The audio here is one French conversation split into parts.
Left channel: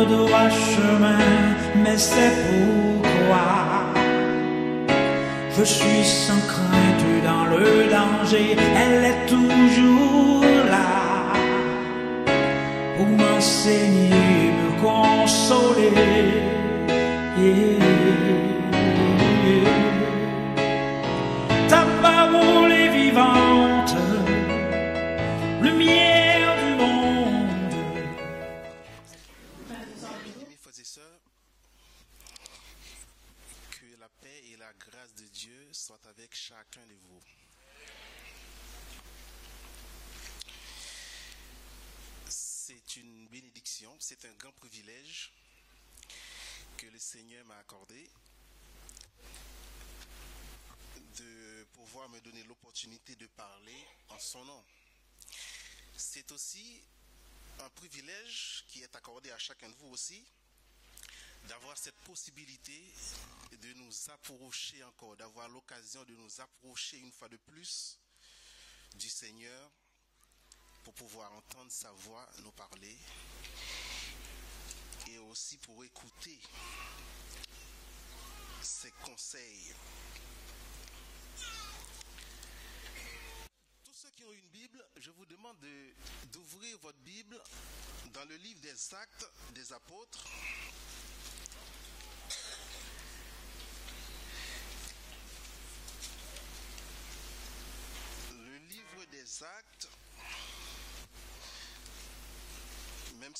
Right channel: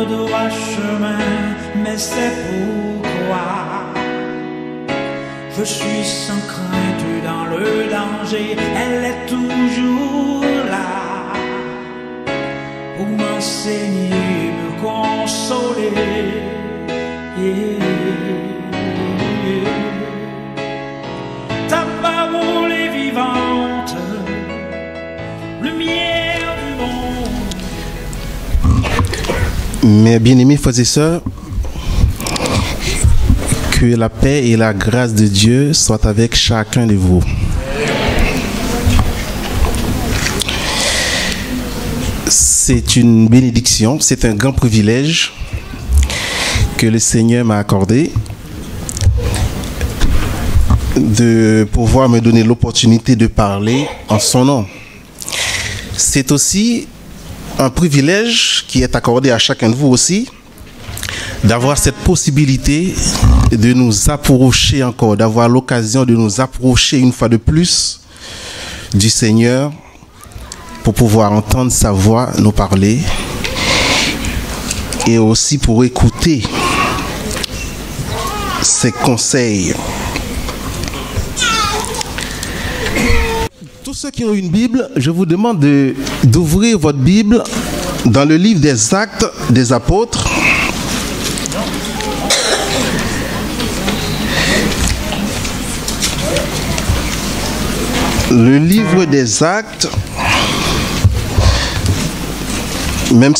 le droit chemin, mais c'est pourquoi je suis sans crainte dans le danger. Elle est toujours là pour m'enseigner, me consoler. Ta parole est vivante, lumière du monde. Mes bien-aimés frères et sœurs, que la paix et la grâce de Dieu soient avec chacun de vous. C'est une bénédiction, c'est un grand privilège que le Seigneur m'a accordé de pouvoir me donner l'opportunité de parler en son nom. C'est aussi un privilège qui est accordé à chacun de vous aussi, d'avoir cette possibilité de nous approcher encore, d'avoir l'occasion de nous approcher une fois de plus du Seigneur pour pouvoir entendre sa voix nous parler et aussi pour écouter ses conseils. Tous ceux qui ont une Bible, je vous demande d'ouvrir votre Bible dans le livre des Actes des Apôtres. Le livre des Actes, même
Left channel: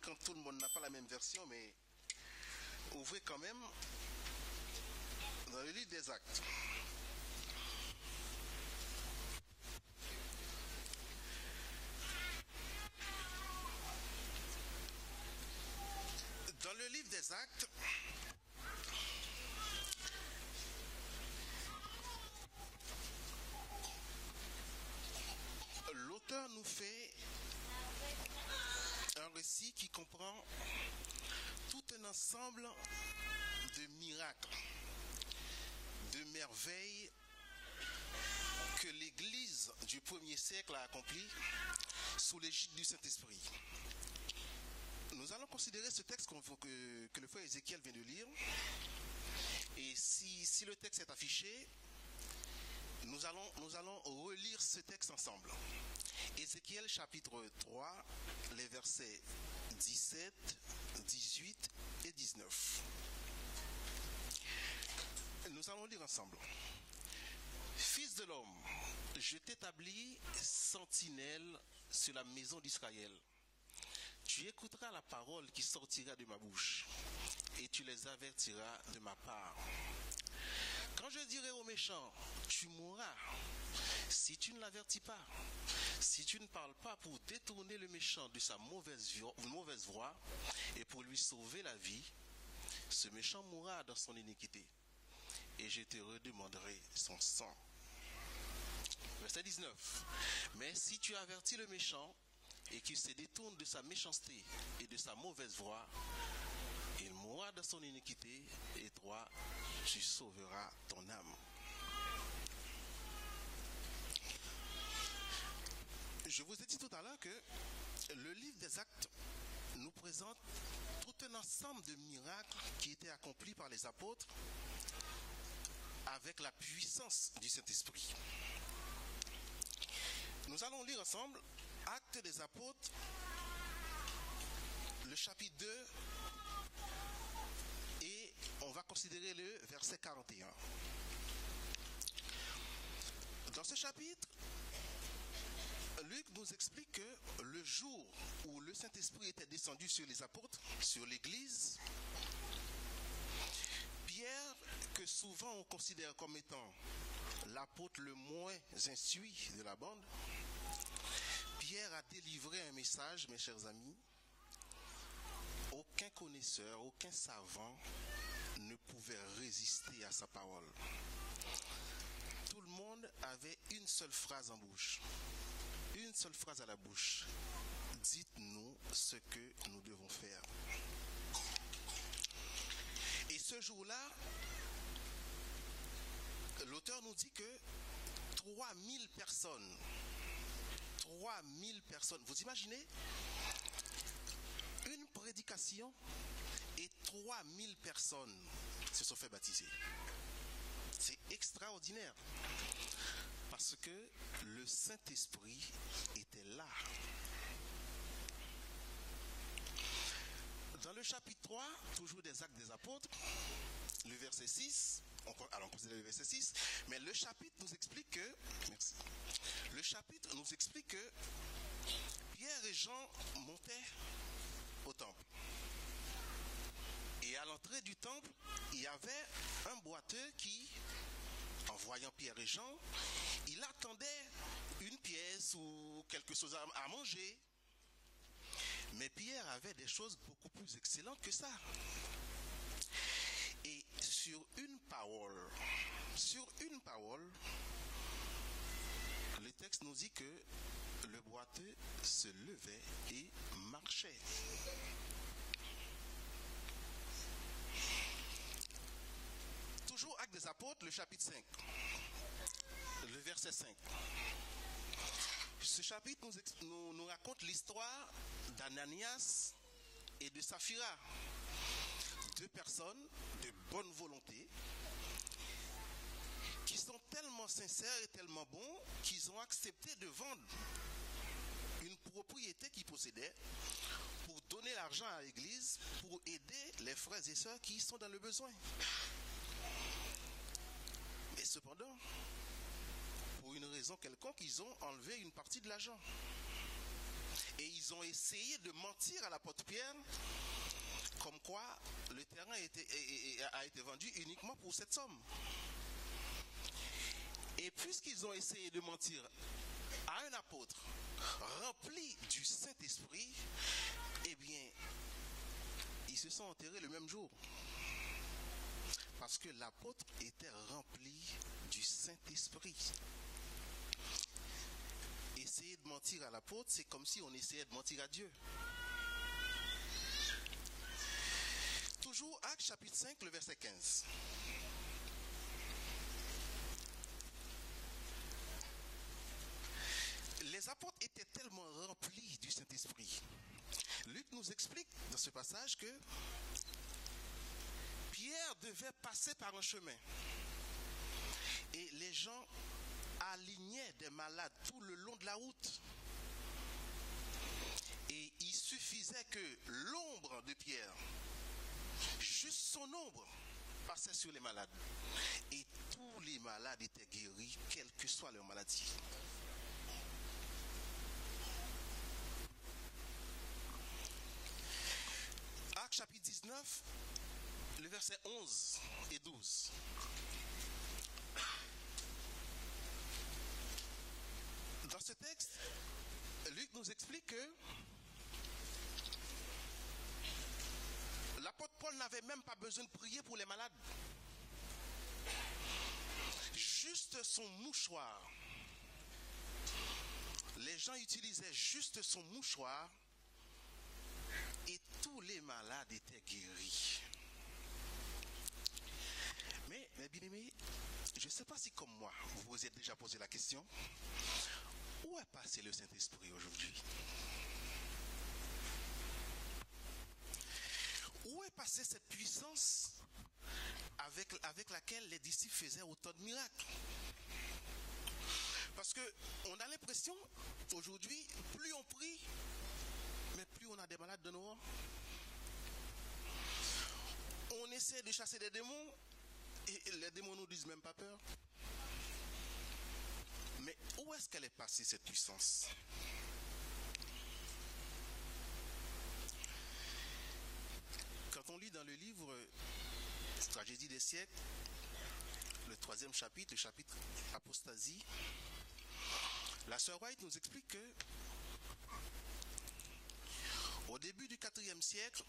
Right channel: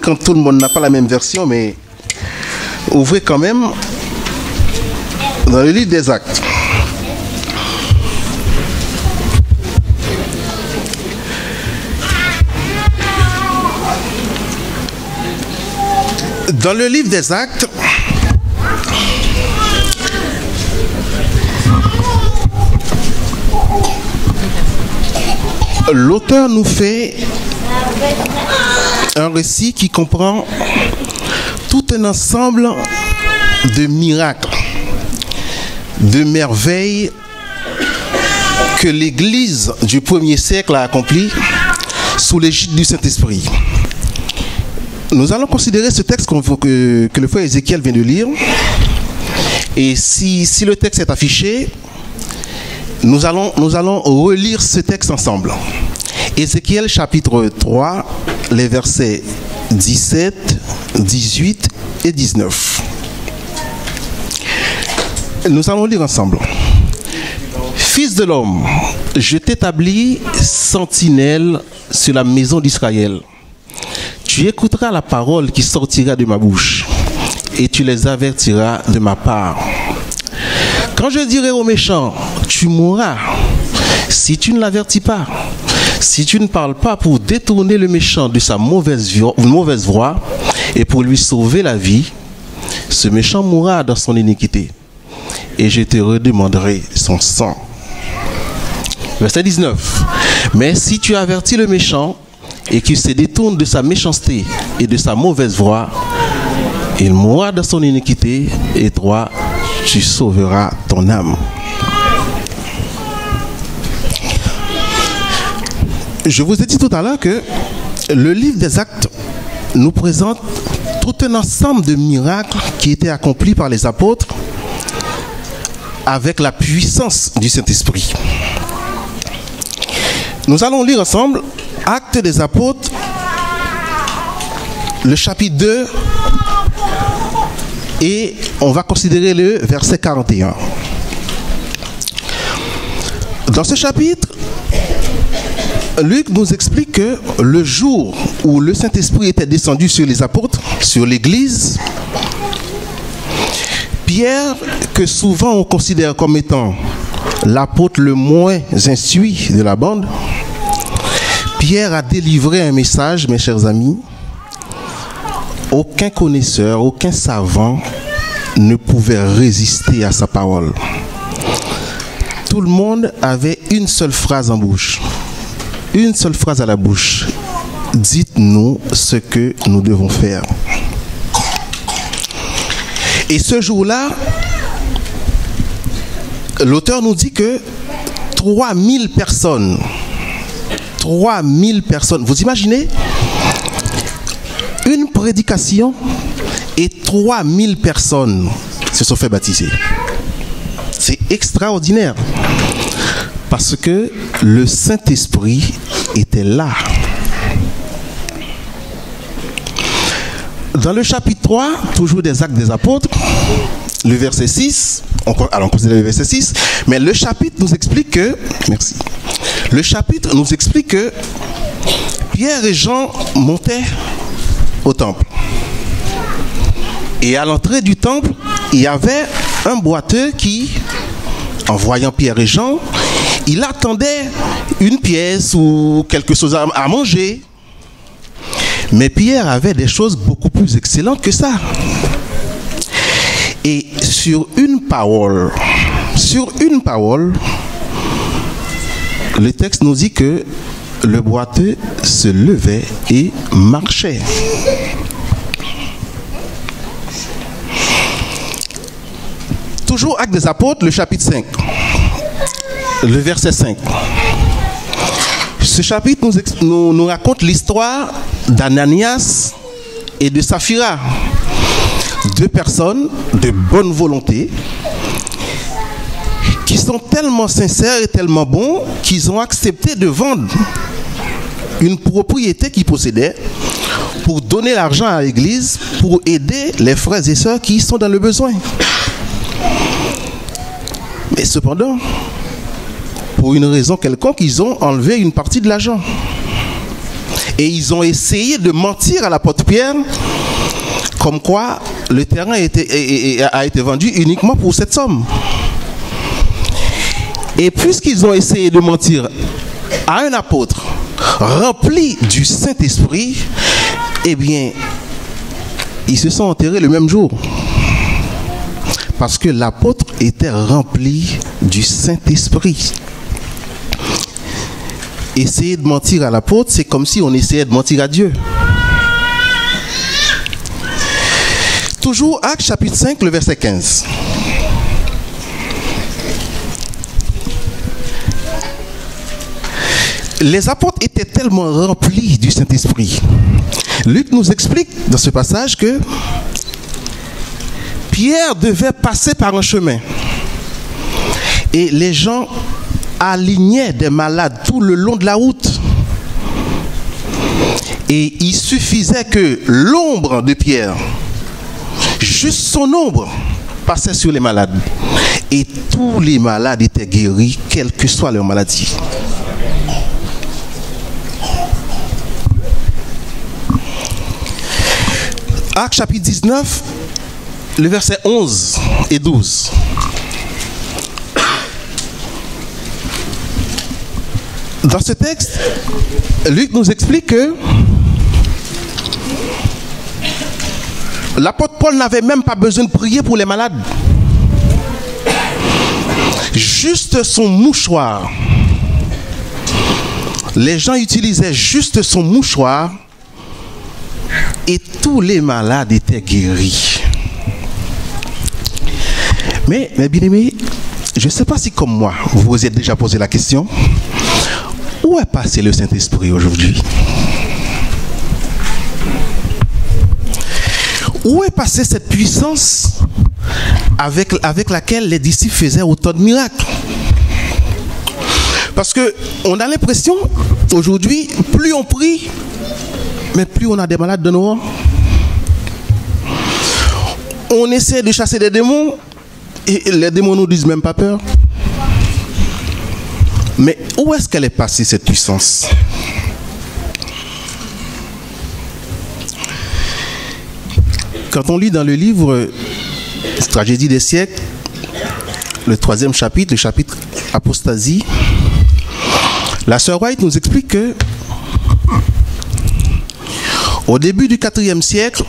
quand tout le monde n'a pas la même version, mais ouvrez quand même dans le livre des Actes. Dans le livre des Actes, l'auteur nous fait un récit qui comprend tout un ensemble de miracles, de merveilles que l'Église du 1er siècle a accompli sous l'égide du Saint-Esprit. Nous allons considérer ce texte que le frère Ézéchiel vient de lire. Et si le texte est affiché, nous allons relire ce texte ensemble. Ézéchiel chapitre 3, les versets 17, 18 et 19. Nous allons lire ensemble. Fils de l'homme, je t'établis sentinelle sur la maison d'Israël. Tu écouteras la parole qui sortira de ma bouche et tu les avertiras de ma part. Quand je dirai aux méchants, tu mourras, si tu ne l'avertis pas, si tu ne parles pas pour détourner le méchant de sa mauvaise voie et pour lui sauver la vie, ce méchant mourra dans son iniquité et je te redemanderai son sang. Verset 19. Mais si tu avertis le méchant et qu'il se détourne de sa méchanceté et de sa mauvaise voie, il mourra dans son iniquité et toi, tu sauveras ton âme. Je vous ai dit tout à l'heure que le livre des Actes nous présente tout un ensemble de miracles qui étaient accomplis par les apôtres avec la puissance du Saint-Esprit. Nous allons lire ensemble Actes des Apôtres, le chapitre 2, et on va considérer le verset 41. Dans ce chapitre, Luc nous explique que le jour où le Saint-Esprit était descendu sur les apôtres, sur l'Église, Pierre, que souvent on considère comme étant l'apôtre le moins instruit de la bande, Pierre a délivré un message, mes chers amis. Aucun connaisseur, aucun savant ne pouvait résister à sa parole. Tout le monde avait une seule phrase en bouche, une seule phrase à la bouche. Dites-nous ce que nous devons faire. Et ce jour-là, l'auteur nous dit que 3000 personnes, vous imaginez une prédication et 3000 personnes se sont fait baptiser. C'est extraordinaire parce que le Saint-Esprit était là. Dans le chapitre 3, toujours des Actes des Apôtres, le verset 6, on considère le verset 6, mais le chapitre nous explique que, le chapitre nous explique que Pierre et Jean montaient au temple. Et à l'entrée du temple, il y avait un boiteux qui, en voyant Pierre et Jean, il attendait une pièce ou quelque chose à manger. Mais Pierre avait des choses beaucoup plus excellentes que ça. Et sur une parole, le texte nous dit que le boiteux se levait et marchait. Toujours Actes des Apôtres, le chapitre 5, le verset 5. Ce chapitre nous raconte l'histoire d'Ananias et de Saphira, deux personnes de bonne volonté qui sont tellement sincères et tellement bons qu'ils ont accepté de vendre une propriété qu'ils possédaient pour donner l'argent à l'église pour aider les frères et sœurs qui sont dans le besoin. Mais cependant, pour une raison quelconque, ils ont enlevé une partie de l'argent. Et ils ont essayé de mentir à l'apôtre Pierre, comme quoi le terrain a été vendu uniquement pour cette somme. Et puisqu'ils ont essayé de mentir à un apôtre rempli du Saint-Esprit, eh bien, ils se sont enterrés le même jour. Parce que l'apôtre était rempli du Saint-Esprit. Essayer de mentir à l'apôtre, c'est comme si on essayait de mentir à Dieu. Toujours Actes chapitre 5, le verset 15. Les apôtres étaient tellement remplis du Saint-Esprit. Luc nous explique dans ce passage que Pierre devait passer par un chemin. Et les gens alignaient des malades tout le long de la route. Et il suffisait que l'ombre de Pierre, juste son ombre, passait sur les malades. Et tous les malades étaient guéris, quelle que soit leur maladie. Actes chapitre 19, le verset 11 et 12. Dans ce texte, Luc nous explique que l'apôtre Paul n'avait même pas besoin de prier pour les malades. Juste son mouchoir. Les gens utilisaient juste son mouchoir et tous les malades étaient guéris. Mais bien aimé, je ne sais pas si comme moi, vous vous êtes déjà posé la question, où est passé le Saint-Esprit aujourd'hui? Où est passée cette puissance avec laquelle les disciples faisaient autant de miracles? Parce qu'on a l'impression, aujourd'hui, plus on prie, mais plus on a des malades de nous. On essaie de chasser des démons, et les démons nous disent même pas peur. Mais où est-ce qu'elle est passée, cette puissance? Quand on lit dans le livre Tragédie des siècles, le 3e chapitre, le chapitre Apostasie, la sœur White nous explique que au début du 4e siècle,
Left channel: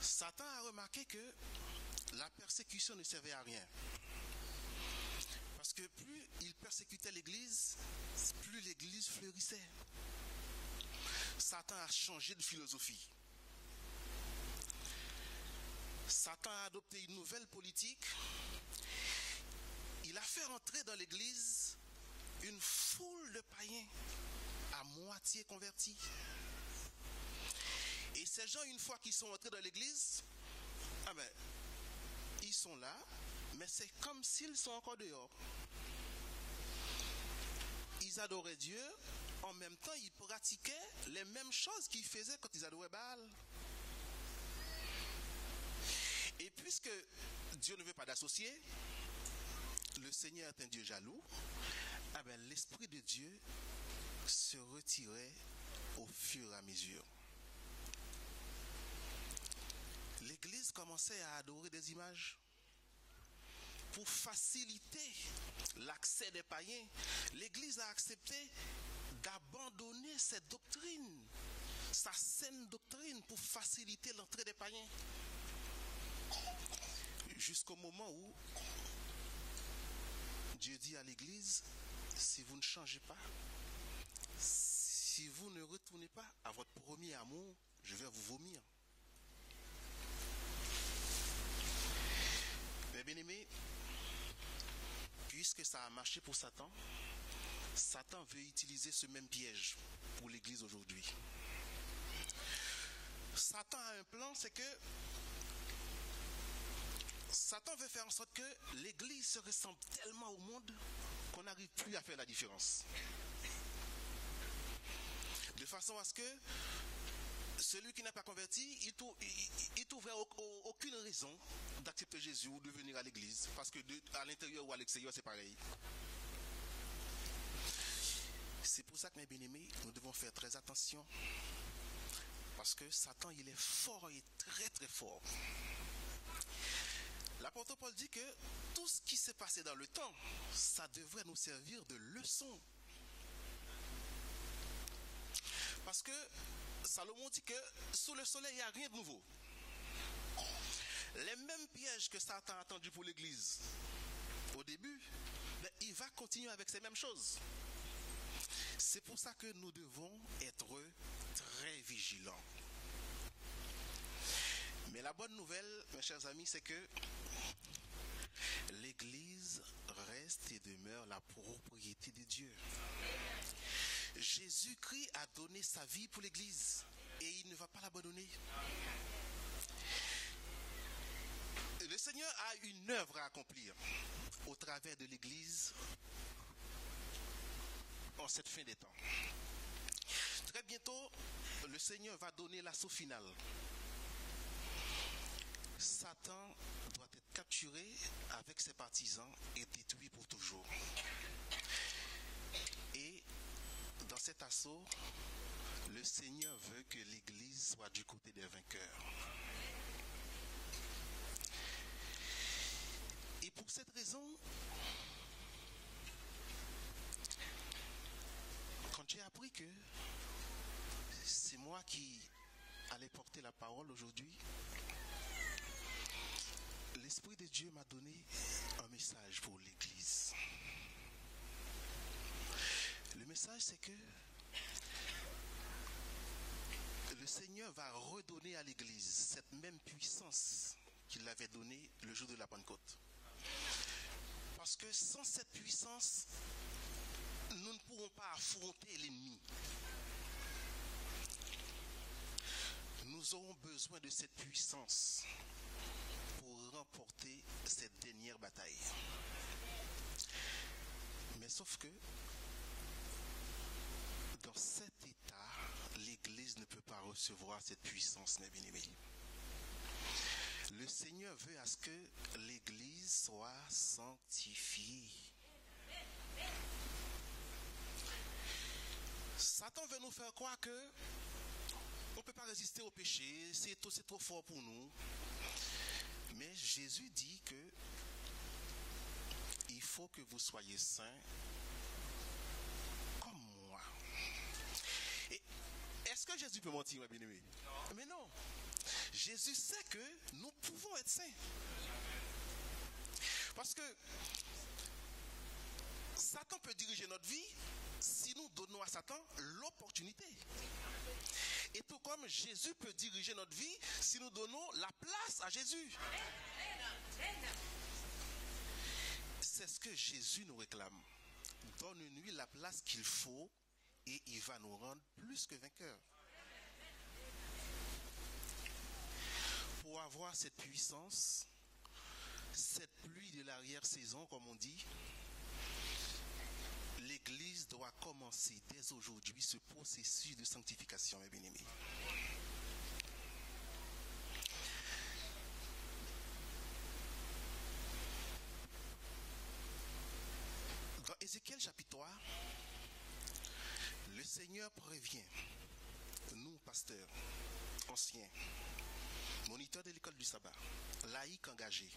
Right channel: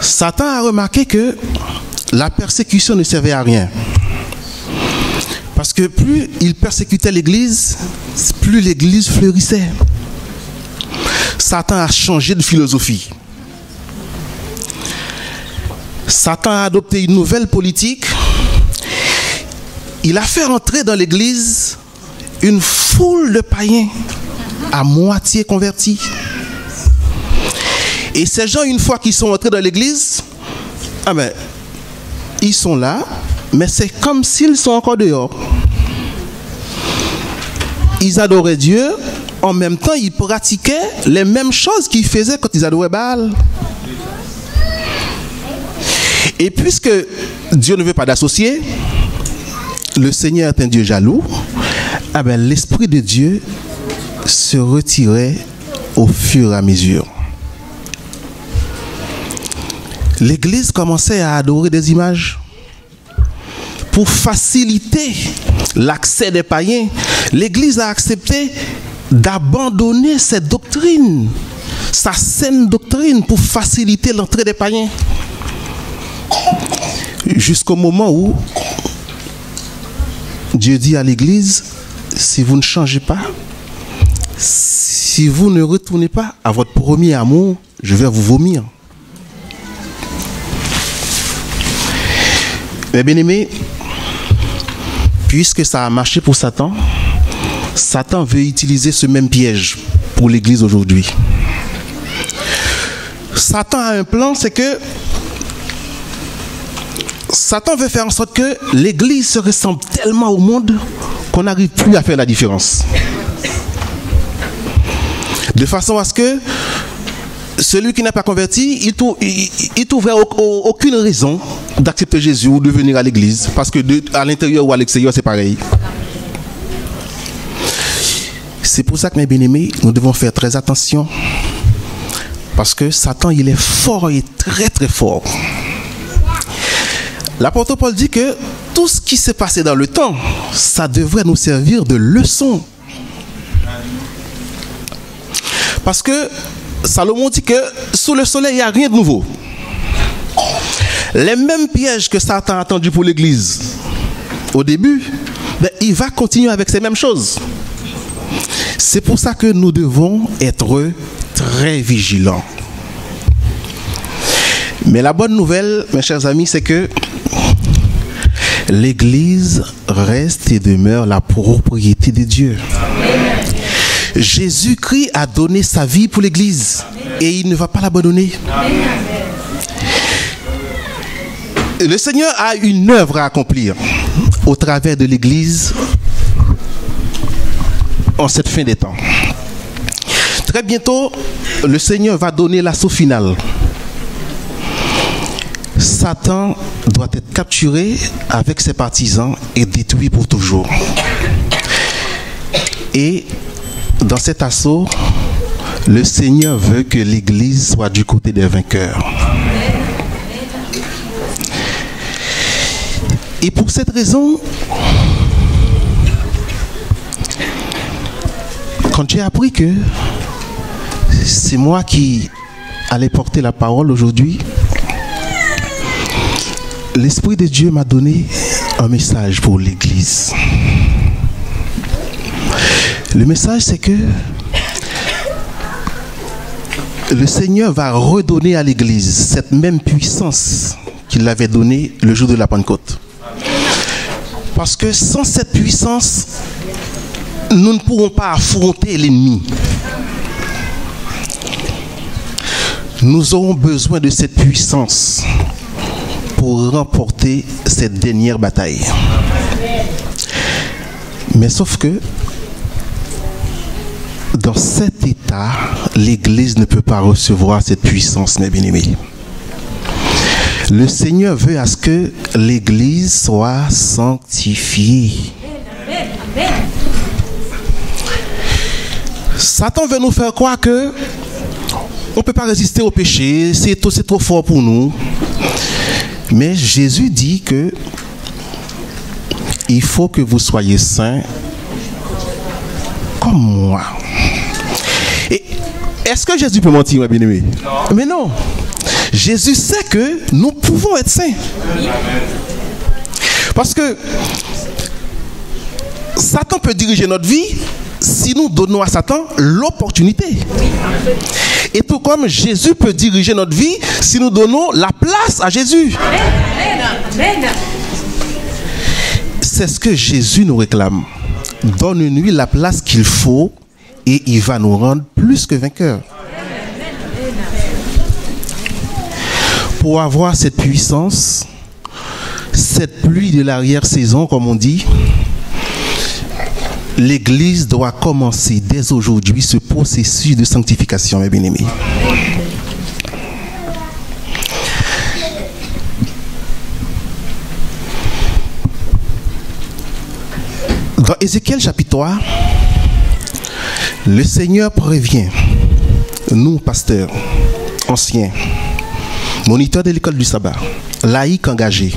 Satan a remarqué que la persécution ne servait à rien. Parce que plus il persécutait l'Église, plus l'Église fleurissait. Satan a changé de philosophie. Satan a adopté une nouvelle politique. Il a fait entrer dans l'Église une foule de païens à moitié convertis. Et ces gens, une fois qu'ils sont entrés dans l'église, ils sont là, mais c'est comme s'ils sont encore dehors. Ils adoraient Dieu, en même temps, ils pratiquaient les mêmes choses qu'ils faisaient quand ils adoraient Baal. Et puisque Dieu ne veut pas d'associés, le Seigneur est un Dieu jaloux, l'Esprit de Dieu se retirait au fur et à mesure. L'Église commençait à adorer des images. Pour faciliter l'accès des païens, l'Église a accepté d'abandonner cette doctrine, sa saine doctrine, pour faciliter l'entrée des païens. Jusqu'au moment où Dieu dit à l'Église, si vous ne changez pas, si vous ne retournez pas à votre premier amour, je vais vous vomir. Mais bien aimé, puisque ça a marché pour Satan, Satan veut utiliser ce même piège pour l'Église aujourd'hui. Satan a un plan, c'est que Satan veut faire en sorte que l'Église se ressemble tellement au monde qu'on n'arrive plus à faire la différence. De façon à ce que celui qui n'a pas converti, il trouverait aucune raison d'accepter Jésus ou de venir à l'église, parce que à l'intérieur ou à l'extérieur, c'est pareil. C'est pour ça que, mes bien-aimés, nous devons faire très attention, parce que Satan, il est fort et très très fort. L'apôtre Paul dit que tout ce qui s'est passé dans le temps, ça devrait nous servir de leçon. Parce que Salomon dit que sous le soleil, il n'y a rien de nouveau. Les mêmes pièges que Satan a tendus pour l'Église au début, il va continuer avec ces mêmes choses. C'est pour ça que nous devons être très vigilants. Mais la bonne nouvelle, mes chers amis, c'est que l'Église reste et demeure la propriété de Dieu. Jésus-Christ a donné sa vie pour l'Église et il ne va pas l'abandonner. Le Seigneur a une œuvre à accomplir au travers de l'Église en cette fin des temps. Très bientôt, le Seigneur va donner l'assaut final. Satan doit être capturé avec ses partisans et détruit pour toujours. Et dans cet assaut, le Seigneur veut que l'Église soit du côté des vainqueurs. Et pour cette raison, quand j'ai appris que c'est moi qui allais porter la parole aujourd'hui, l'Esprit de Dieu m'a donné un message pour l'Église. Le message, c'est que le Seigneur va redonner à l'Église cette même puissance qu'il avait donnée le jour de la Pentecôte. Parce que sans cette puissance, nous ne pourrons pas affronter l'ennemi. Nous aurons besoin de cette puissance pour remporter cette dernière bataille. Mais sauf que dans cet état, l'Église ne peut pas recevoir cette puissance, mes bien-aimés. Le Seigneur veut à ce que l'Église soit sanctifiée. Satan veut nous faire croire que on ne peut pas résister au péché, c'est trop fort pour nous. Mais Jésus dit que il faut que vous soyez saints comme moi. Et est-ce que Jésus peut mentir, mes bien-aimés? Mais non. Jésus sait que nous pouvons être saints. Parce que Satan peut diriger notre vie si nous donnons à Satan l'opportunité. Et tout comme Jésus peut diriger notre vie si nous donnons la place à Jésus. C'est ce que Jésus nous réclame. Donne-lui la place qu'il faut et il va nous rendre plus que vainqueurs. pour avoir cette puissance, cette pluie de l'arrière-saison, comme on dit, l'Église doit commencer dès aujourd'hui ce processus de sanctification, mes bien-aimés. Dans Ézéchiel chapitre 3, le Seigneur prévient, nous, pasteurs, anciens, moniteurs de l'école du sabbat, laïcs engagés.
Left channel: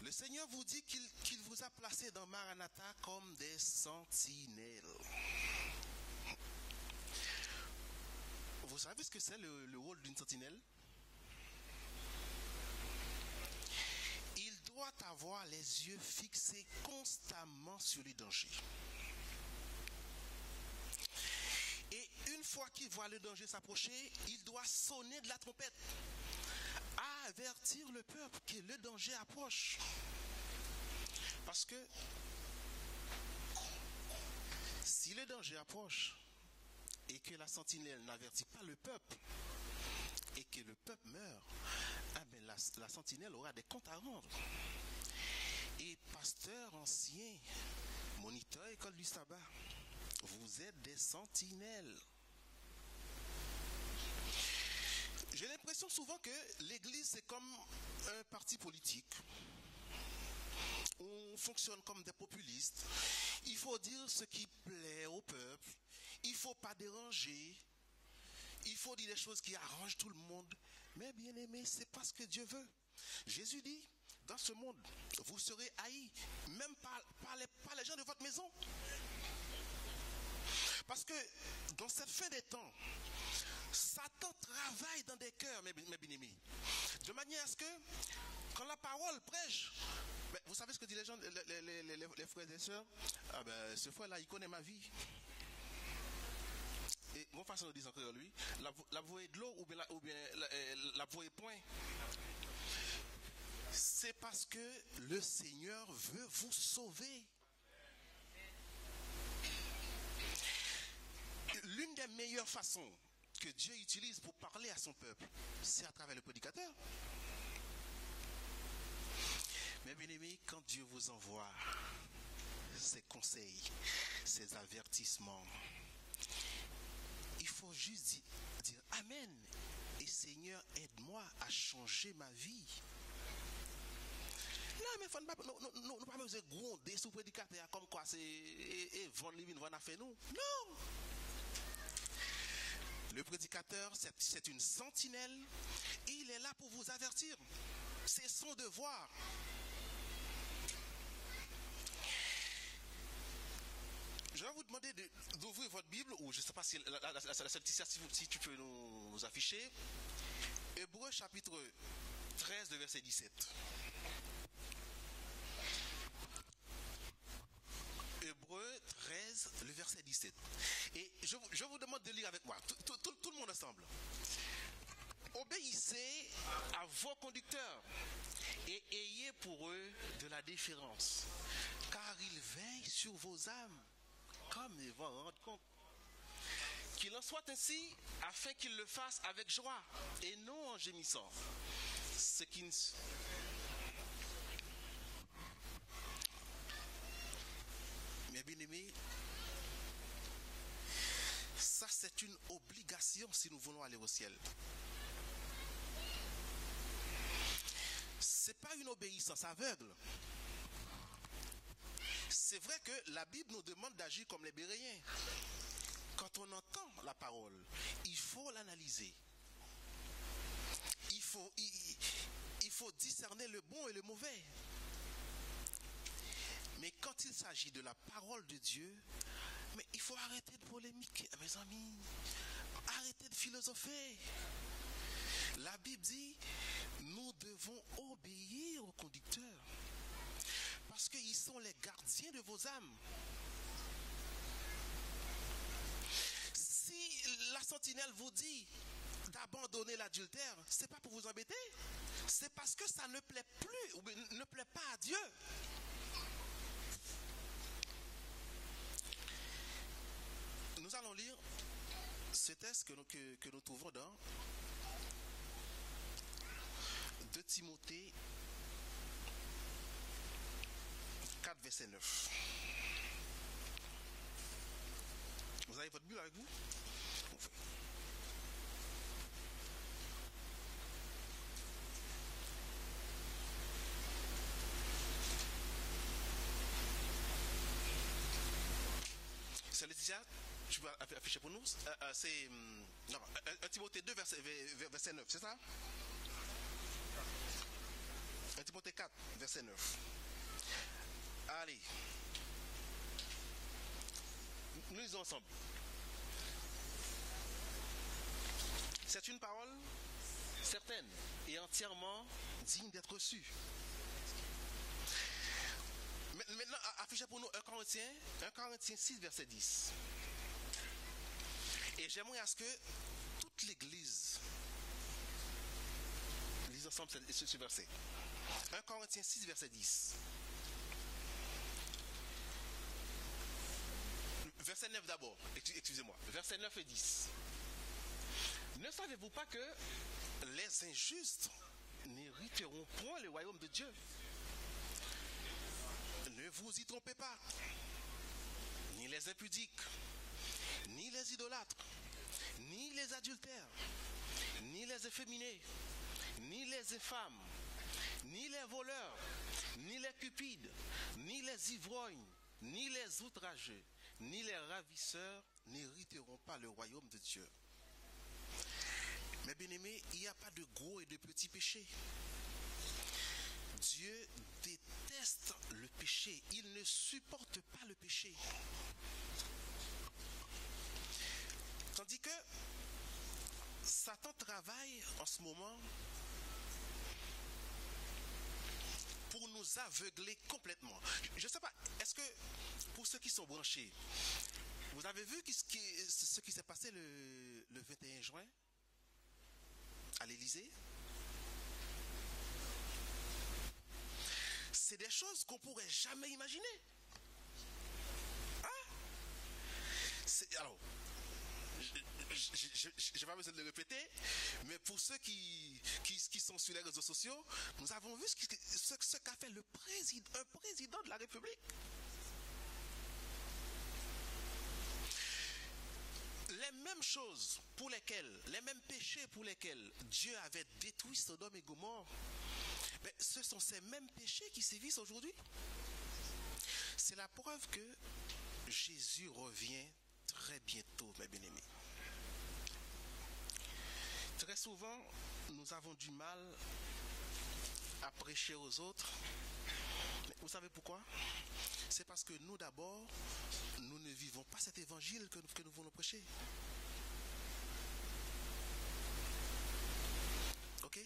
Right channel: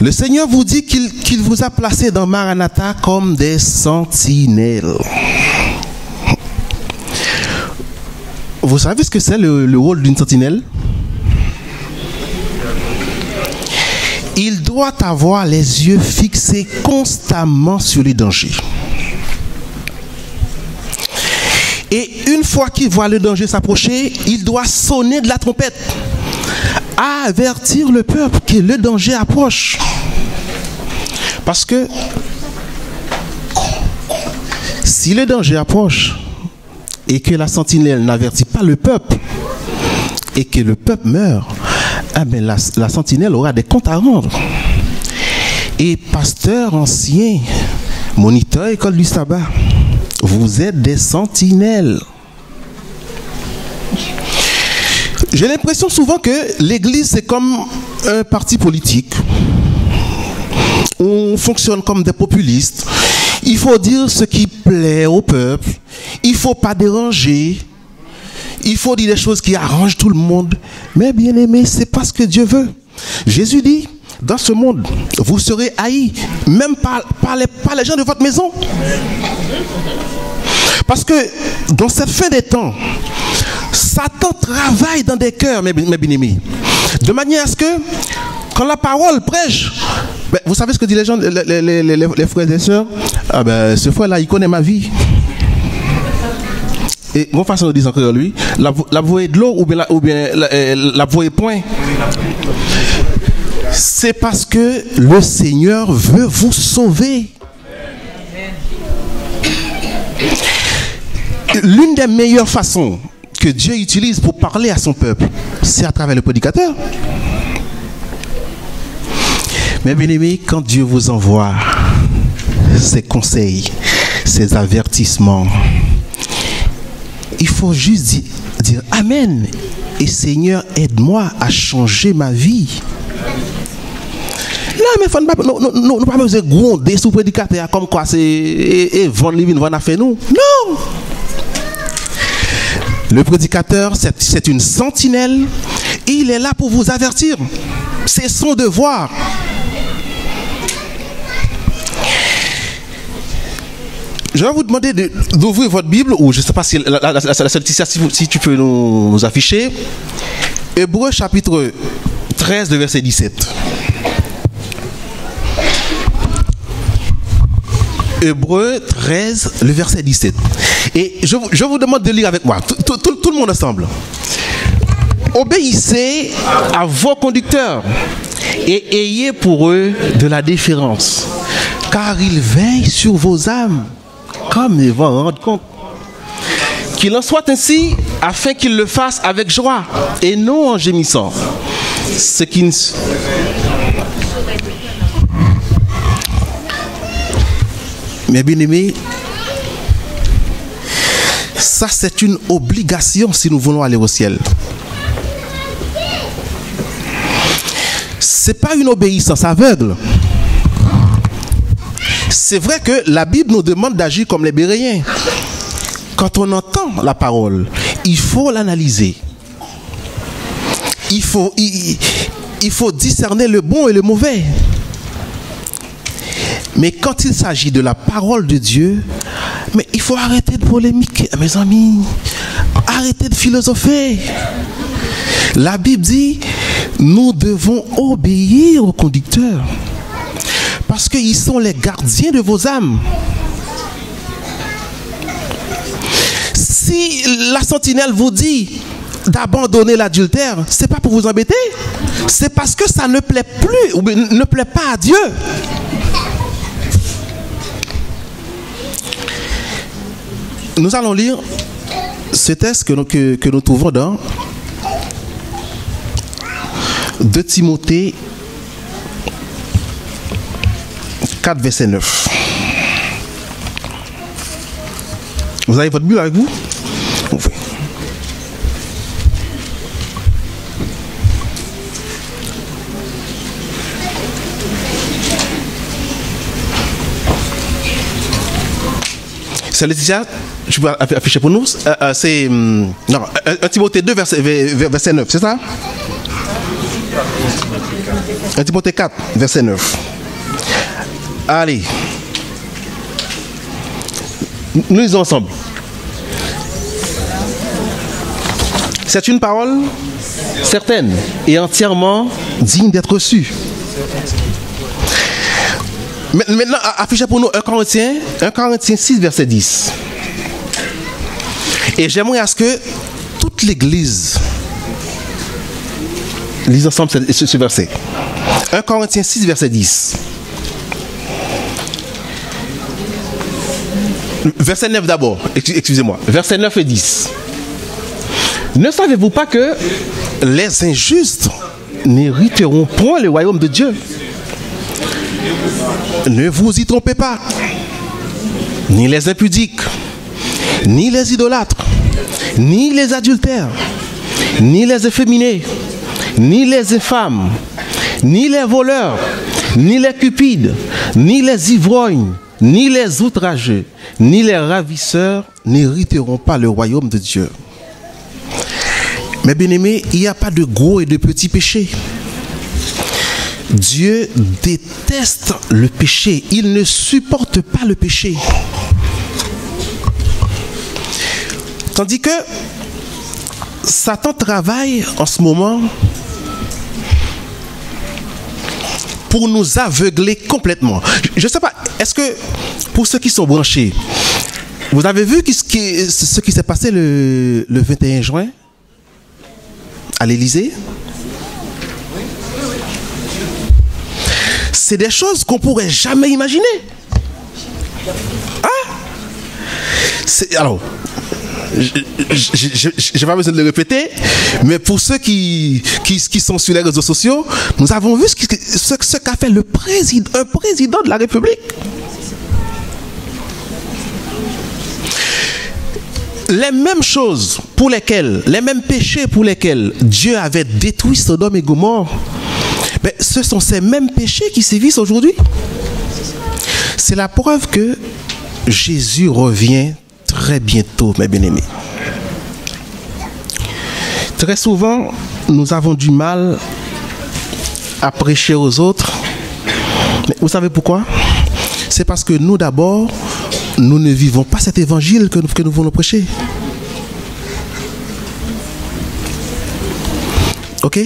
Le Seigneur vous dit qu'il vous a placé dans Maranatha comme des sentinelles. Vous savez ce que c'est le rôle d'une sentinelle? Il doit avoir les yeux fixés constamment sur les dangers. Et une fois qu'il voit le danger s'approcher, il doit sonner de la trompette, avertir le peuple que le danger approche. Parce que si le danger approche et que la sentinelle n'avertit pas le peuple et que le peuple meurt, ah ben la sentinelle aura des comptes à rendre. Et pasteur ancien, moniteur école du sabbat, vous êtes des sentinelles. J'ai l'impression souvent que l'Église c'est comme un parti politique. On fonctionne comme des populistes. Il faut dire ce qui plaît au peuple. Il ne faut pas déranger. Il faut dire des choses qui arrangent tout le monde. Mais bien aimé, c'est pas ce que Dieu veut. Jésus dit, dans ce monde, vous serez haïs, même par les gens de votre maison. Parce que dans cette fin des temps, Satan travaille dans des cœurs, mes bien-aimés, de manière à ce que, quand la parole prêche, ben, vous savez ce que disent les gens, les frères et sœurs? Ah ben, ce frère-là, il connaît ma vie. Et mon façon de dire encore lui, la voie est de l'eau ou bien la voie est point. C'est parce que le Seigneur veut vous sauver. L'une des meilleures façons que Dieu utilise pour parler à son peuple, c'est à travers le prédicateur. Mais bien aimé, quand Dieu vous envoie ses conseils, ses avertissements, il faut juste dire Amen. Et Seigneur, aide-moi à changer ma vie. Là, mais nous ne pas besoin de gronder sous prédicateur comme quoi c'est vendre livre, vendre affaire nous. Non. Le prédicateur, c'est une sentinelle. Il est là pour vous avertir. C'est son devoir. Je vais vous demander d'ouvrir votre Bible, ou je ne sais pas si si tu peux nous afficher. Hébreux chapitre 13, le verset 17. Hébreux 13, le verset 17. Et je vous demande de lire avec moi, tout le monde ensemble. Obéissez à vos conducteurs et ayez pour eux de la déférence, car ils veillent sur vos âmes, comme ils vont en rendre compte. Qu'il en soit ainsi, afin qu'ils le fassent avec joie et non en gémissant. Ce qui ne... Mais bien aimé, ça c'est une obligation si nous voulons aller au ciel. C'est pas une obéissance aveugle. C'est vrai que la Bible nous demande d'agir comme les Béréens. Quand on entend la parole, il faut l'analyser. Il faut discerner le bon et le mauvais. Mais quand il s'agit de la parole de Dieu, mais il faut arrêter de polémiquer, mes amis. Arrêtez de philosopher. La Bible dit, nous devons obéir aux conducteurs. Parce qu'ils sont les gardiens de vos âmes. Si la sentinelle vous dit d'abandonner l'adultère, c'est pas pour vous embêter. C'est parce que ça ne plaît plus ou ne plaît pas à Dieu. Nous allons lire ce texte que nous trouvons dans 2 Timothée 4, verset 9. Vous avez votre Bible avec vous? Oui. C'est Laetitia, je peux afficher pour nous. C'est 1 Timothée 2, verset 9, c'est ça? 1 Timothée 4, verset 9. Allez. Nous lisons ensemble. C'est une parole certaine et entièrement digne d'être reçue. Maintenant, affichez pour nous 1 Corinthiens 6, verset 10. Et j'aimerais à ce que toute l'Église lise ensemble ce verset. 1 Corinthiens 6, verset 10. Verset 9 d'abord, excusez-moi. Verset 9 et 10. Ne savez-vous pas que les injustes n'hériteront point le royaume de Dieu? Ne vous y trompez pas. Ni les impudiques, ni les idolâtres, ni les adultères, ni les efféminés, ni les infâmes, ni les voleurs, ni les cupides, ni les ivrognes, ni les outrageux, ni les ravisseurs n'hériteront pas le royaume de Dieu. Mais bien-aimés, il n'y a pas de gros et de petits péchés. Dieu déteste le péché. Il ne supporte pas le péché. Tandis que Satan travaille en ce moment pour nous aveugler complètement. Je ne sais pas, est-ce que pour ceux qui sont branchés, vous avez vu ce qui s'est passé le 21 juin à l'Élysée? C'est des choses qu'on ne pourrait jamais imaginer. Hein? Alors, je n'ai pas besoin de le répéter, mais pour ceux qui sont sur les réseaux sociaux, nous avons vu ce qu'a fait un président de la République. Les mêmes choses pour lesquelles, les mêmes péchés pour lesquels Dieu avait détruit Sodome et Gomorrhe, mais ce sont ces mêmes péchés qui sévissent aujourd'hui. C'est la preuve que Jésus revient très bientôt, mes bien-aimés. Très souvent, nous avons du mal à prêcher aux autres. Mais vous savez pourquoi? C'est parce que nous, d'abord, nous ne vivons pas cet évangile que nous voulons prêcher. Ok?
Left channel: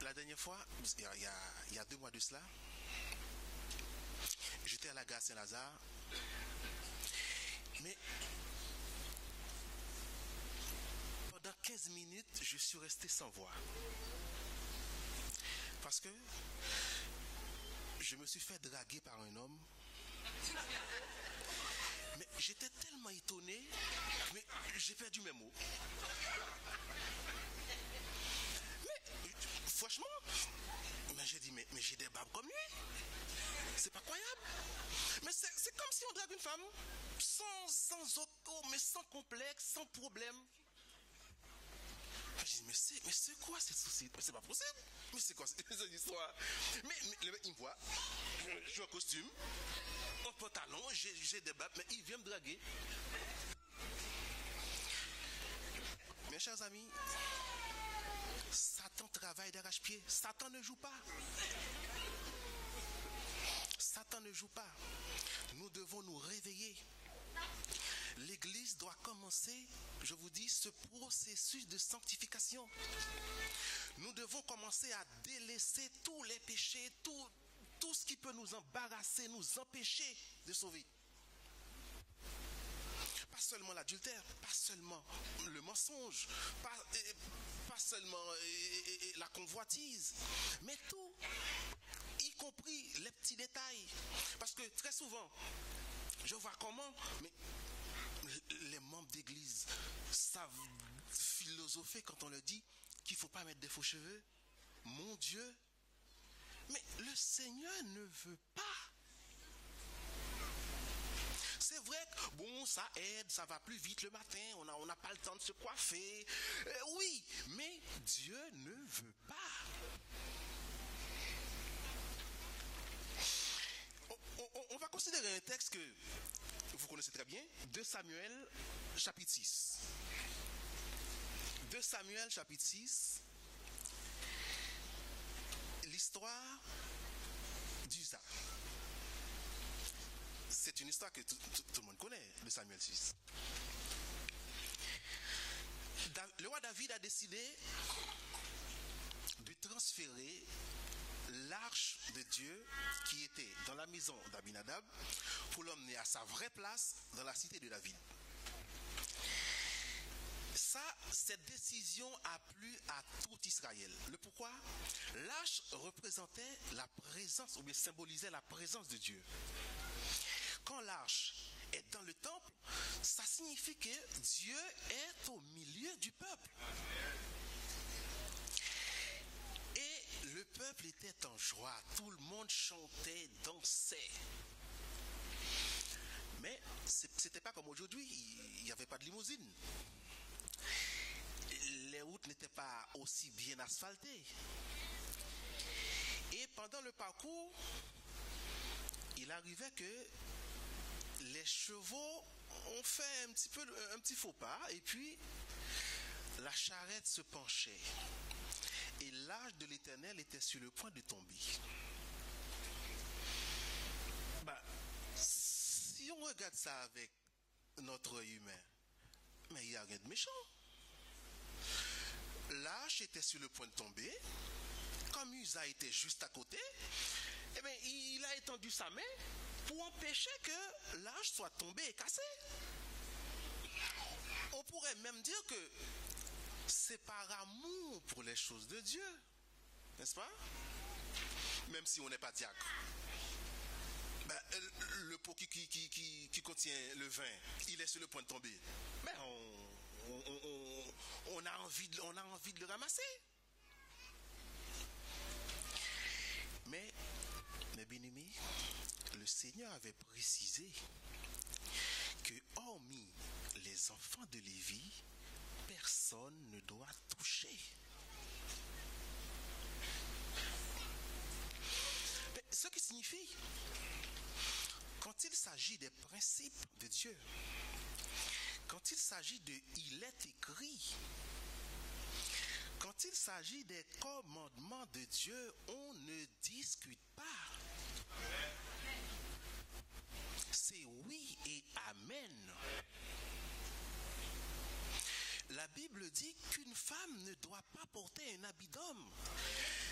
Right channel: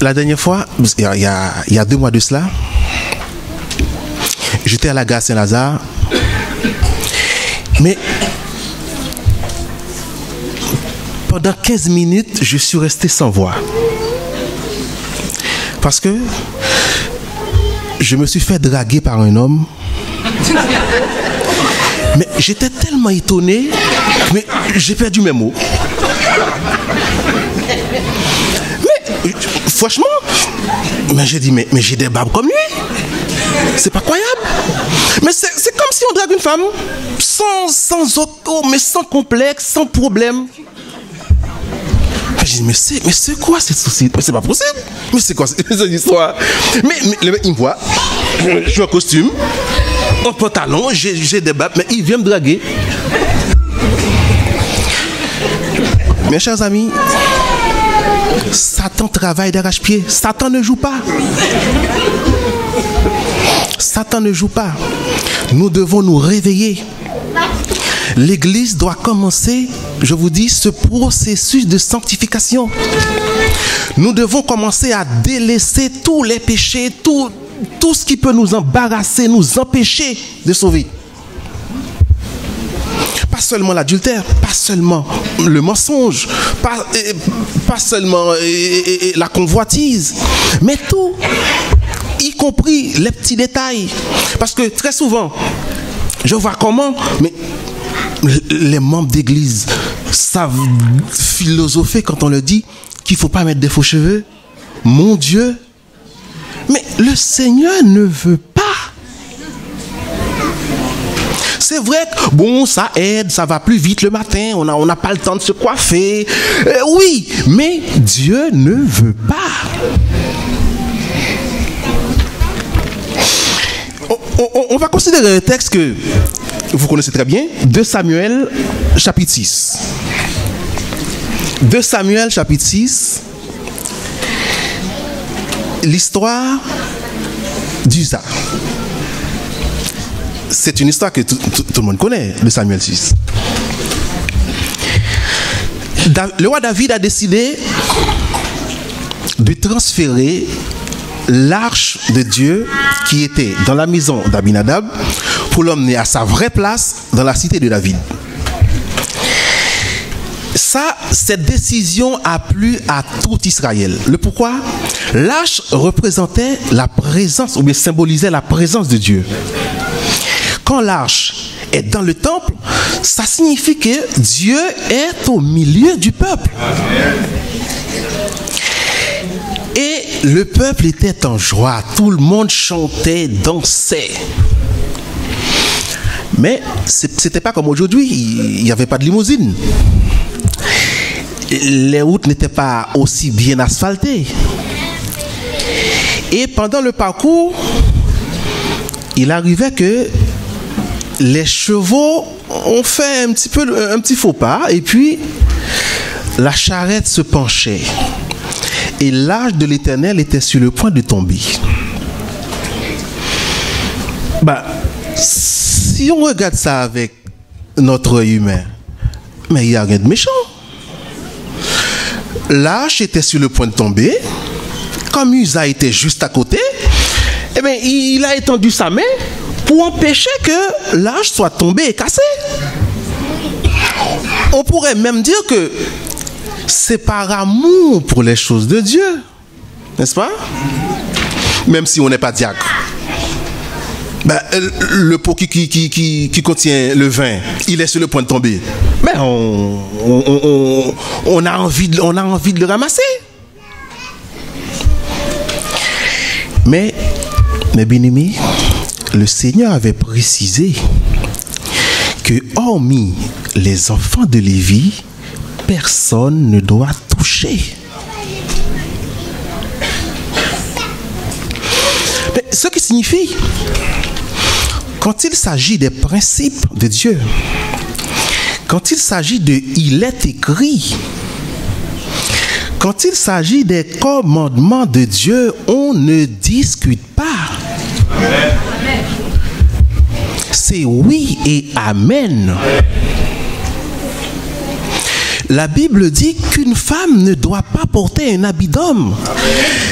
La dernière fois, il y a 2 mois de cela, j'étais à la gare Saint-Lazare, mais pendant 15 minutes, je suis resté sans voix. Parce que je me suis fait draguer par un homme. Mais j'étais tellement étonné, mais j'ai perdu mes mots. Mais franchement, mais j'ai dit, mais j'ai des babes comme lui. C'est pas croyable. Mais c'est comme si on drague une femme sans auto, mais sans complexe, sans problème. J'ai dit, mais c'est quoi cette société? Mais c'est pas possible. Mais c'est quoi cette histoire? Mais le mec, il me voit, je suis en costume, en pantalon, j'ai des babes, mais il vient me draguer. Mes chers amis, Satan travaille d'arrache-pied. Satan ne joue pas. Satan ne joue pas. Nous devons nous réveiller. L'Église doit commencer, je vous dis, ce processus de sanctification. Nous devons commencer à délaisser tous les péchés, tout ce qui peut nous embarrasser, nous empêcher de sauver. Pas seulement l'adultère, pas seulement le mensonge, pas seulement la convoitise, mais tout, y compris les petits détails. Parce que très souvent, je vois comment, mais les membres d'église savent philosopher quand on leur dit qu'il ne faut pas mettre des faux cheveux. Mon Dieu. Mais le Seigneur ne veut pas. C'est vrai que, bon, ça aide, ça va plus vite le matin, on n'a pas le temps de se coiffer. Oui, mais Dieu ne veut pas. On va considérer un texte que vous connaissez très bien, 2 Samuel, chapitre 6. 2 Samuel, chapitre 6. L'histoire d'Uza. C'est une histoire que tout le monde connaît, de Samuel 6. Le roi David a décidé de transférer l'arche de Dieu qui était dans la maison d'Abinadab pour l'emmener à sa vraie place dans la cité de David. Cette décision a plu à tout Israël. Le pourquoi? L'arche représentait la présence, ou bien symbolisait la présence de Dieu. Quand l'arche est dans le temple, ça signifie que Dieu est au milieu du peuple. Et le peuple était en joie. Tout le monde chantait, dansait. Mais c'était pas comme aujourd'hui. Il n'y avait pas de limousine. Les routes n'étaient pas aussi bien asphaltées. Et pendant le parcours, il arrivait que les chevaux ont fait un petit faux pas, et puis la charrette se penchait. Et l'arche de l'Éternel était sur le point de tomber. Si on regarde ça avec notre œil humain, mais il n'y a rien de méchant. L'arche était sur le point de tomber. Comme Uza était juste à côté, eh bien, il a étendu sa main pour empêcher que l'arche soit tombée et cassée. On pourrait même dire que c'est par amour pour les choses de Dieu, n'est-ce pas? Même si on n'est pas diacre. Le pot qui contient le vin, il est sur le point de tomber. Mais on a envie de le ramasser. Mais bien-aimés, le Seigneur avait précisé que hormis les enfants de Lévi, personne ne doit toucher. Mais ce qui signifie, quand il s'agit des principes de Dieu, quand il s'agit de il est écrit, quand il s'agit des commandements de Dieu, on ne discute pas. C'est oui et amen. La Bible dit qu'une femme ne doit pas porter un habit d'homme.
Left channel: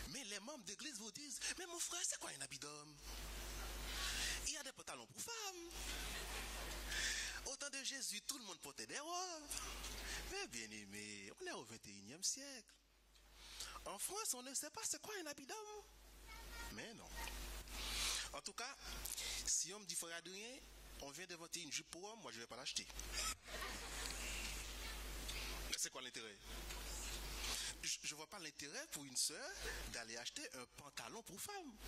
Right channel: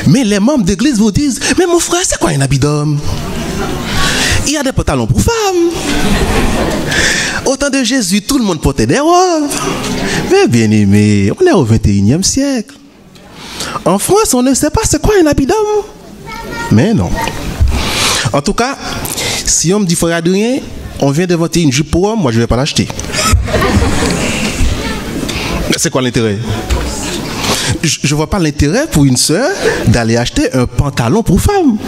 Mais les membres d'église vous disent, mais mon frère, c'est quoi un habit d'homme? Il y a des pantalons pour femmes. Au temps de Jésus, tout le monde portait des robes. Mais bien aimé, on est au 21e siècle. En France, on ne sait pas c'est quoi un habit d'homme. Mais non. En tout cas, si on me dit frère Adrien, on vient d'inventer une jupe pour homme, moi je ne vais pas l'acheter. C'est quoi l'intérêt? Je ne vois pas l'intérêt pour une sœur d'aller acheter un pantalon pour femme.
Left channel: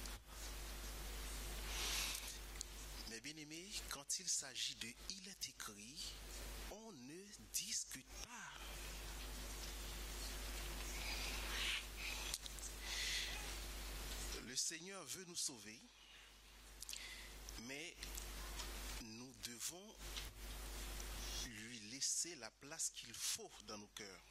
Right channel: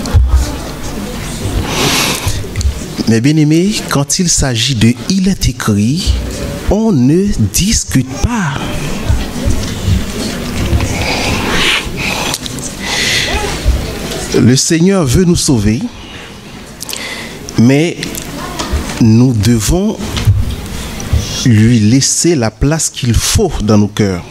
Mais bien aimé, quand il s'agit de il est écrit, on ne discute pas. Le Seigneur veut nous sauver, mais nous devons lui laisser la place qu'il faut dans nos cœurs.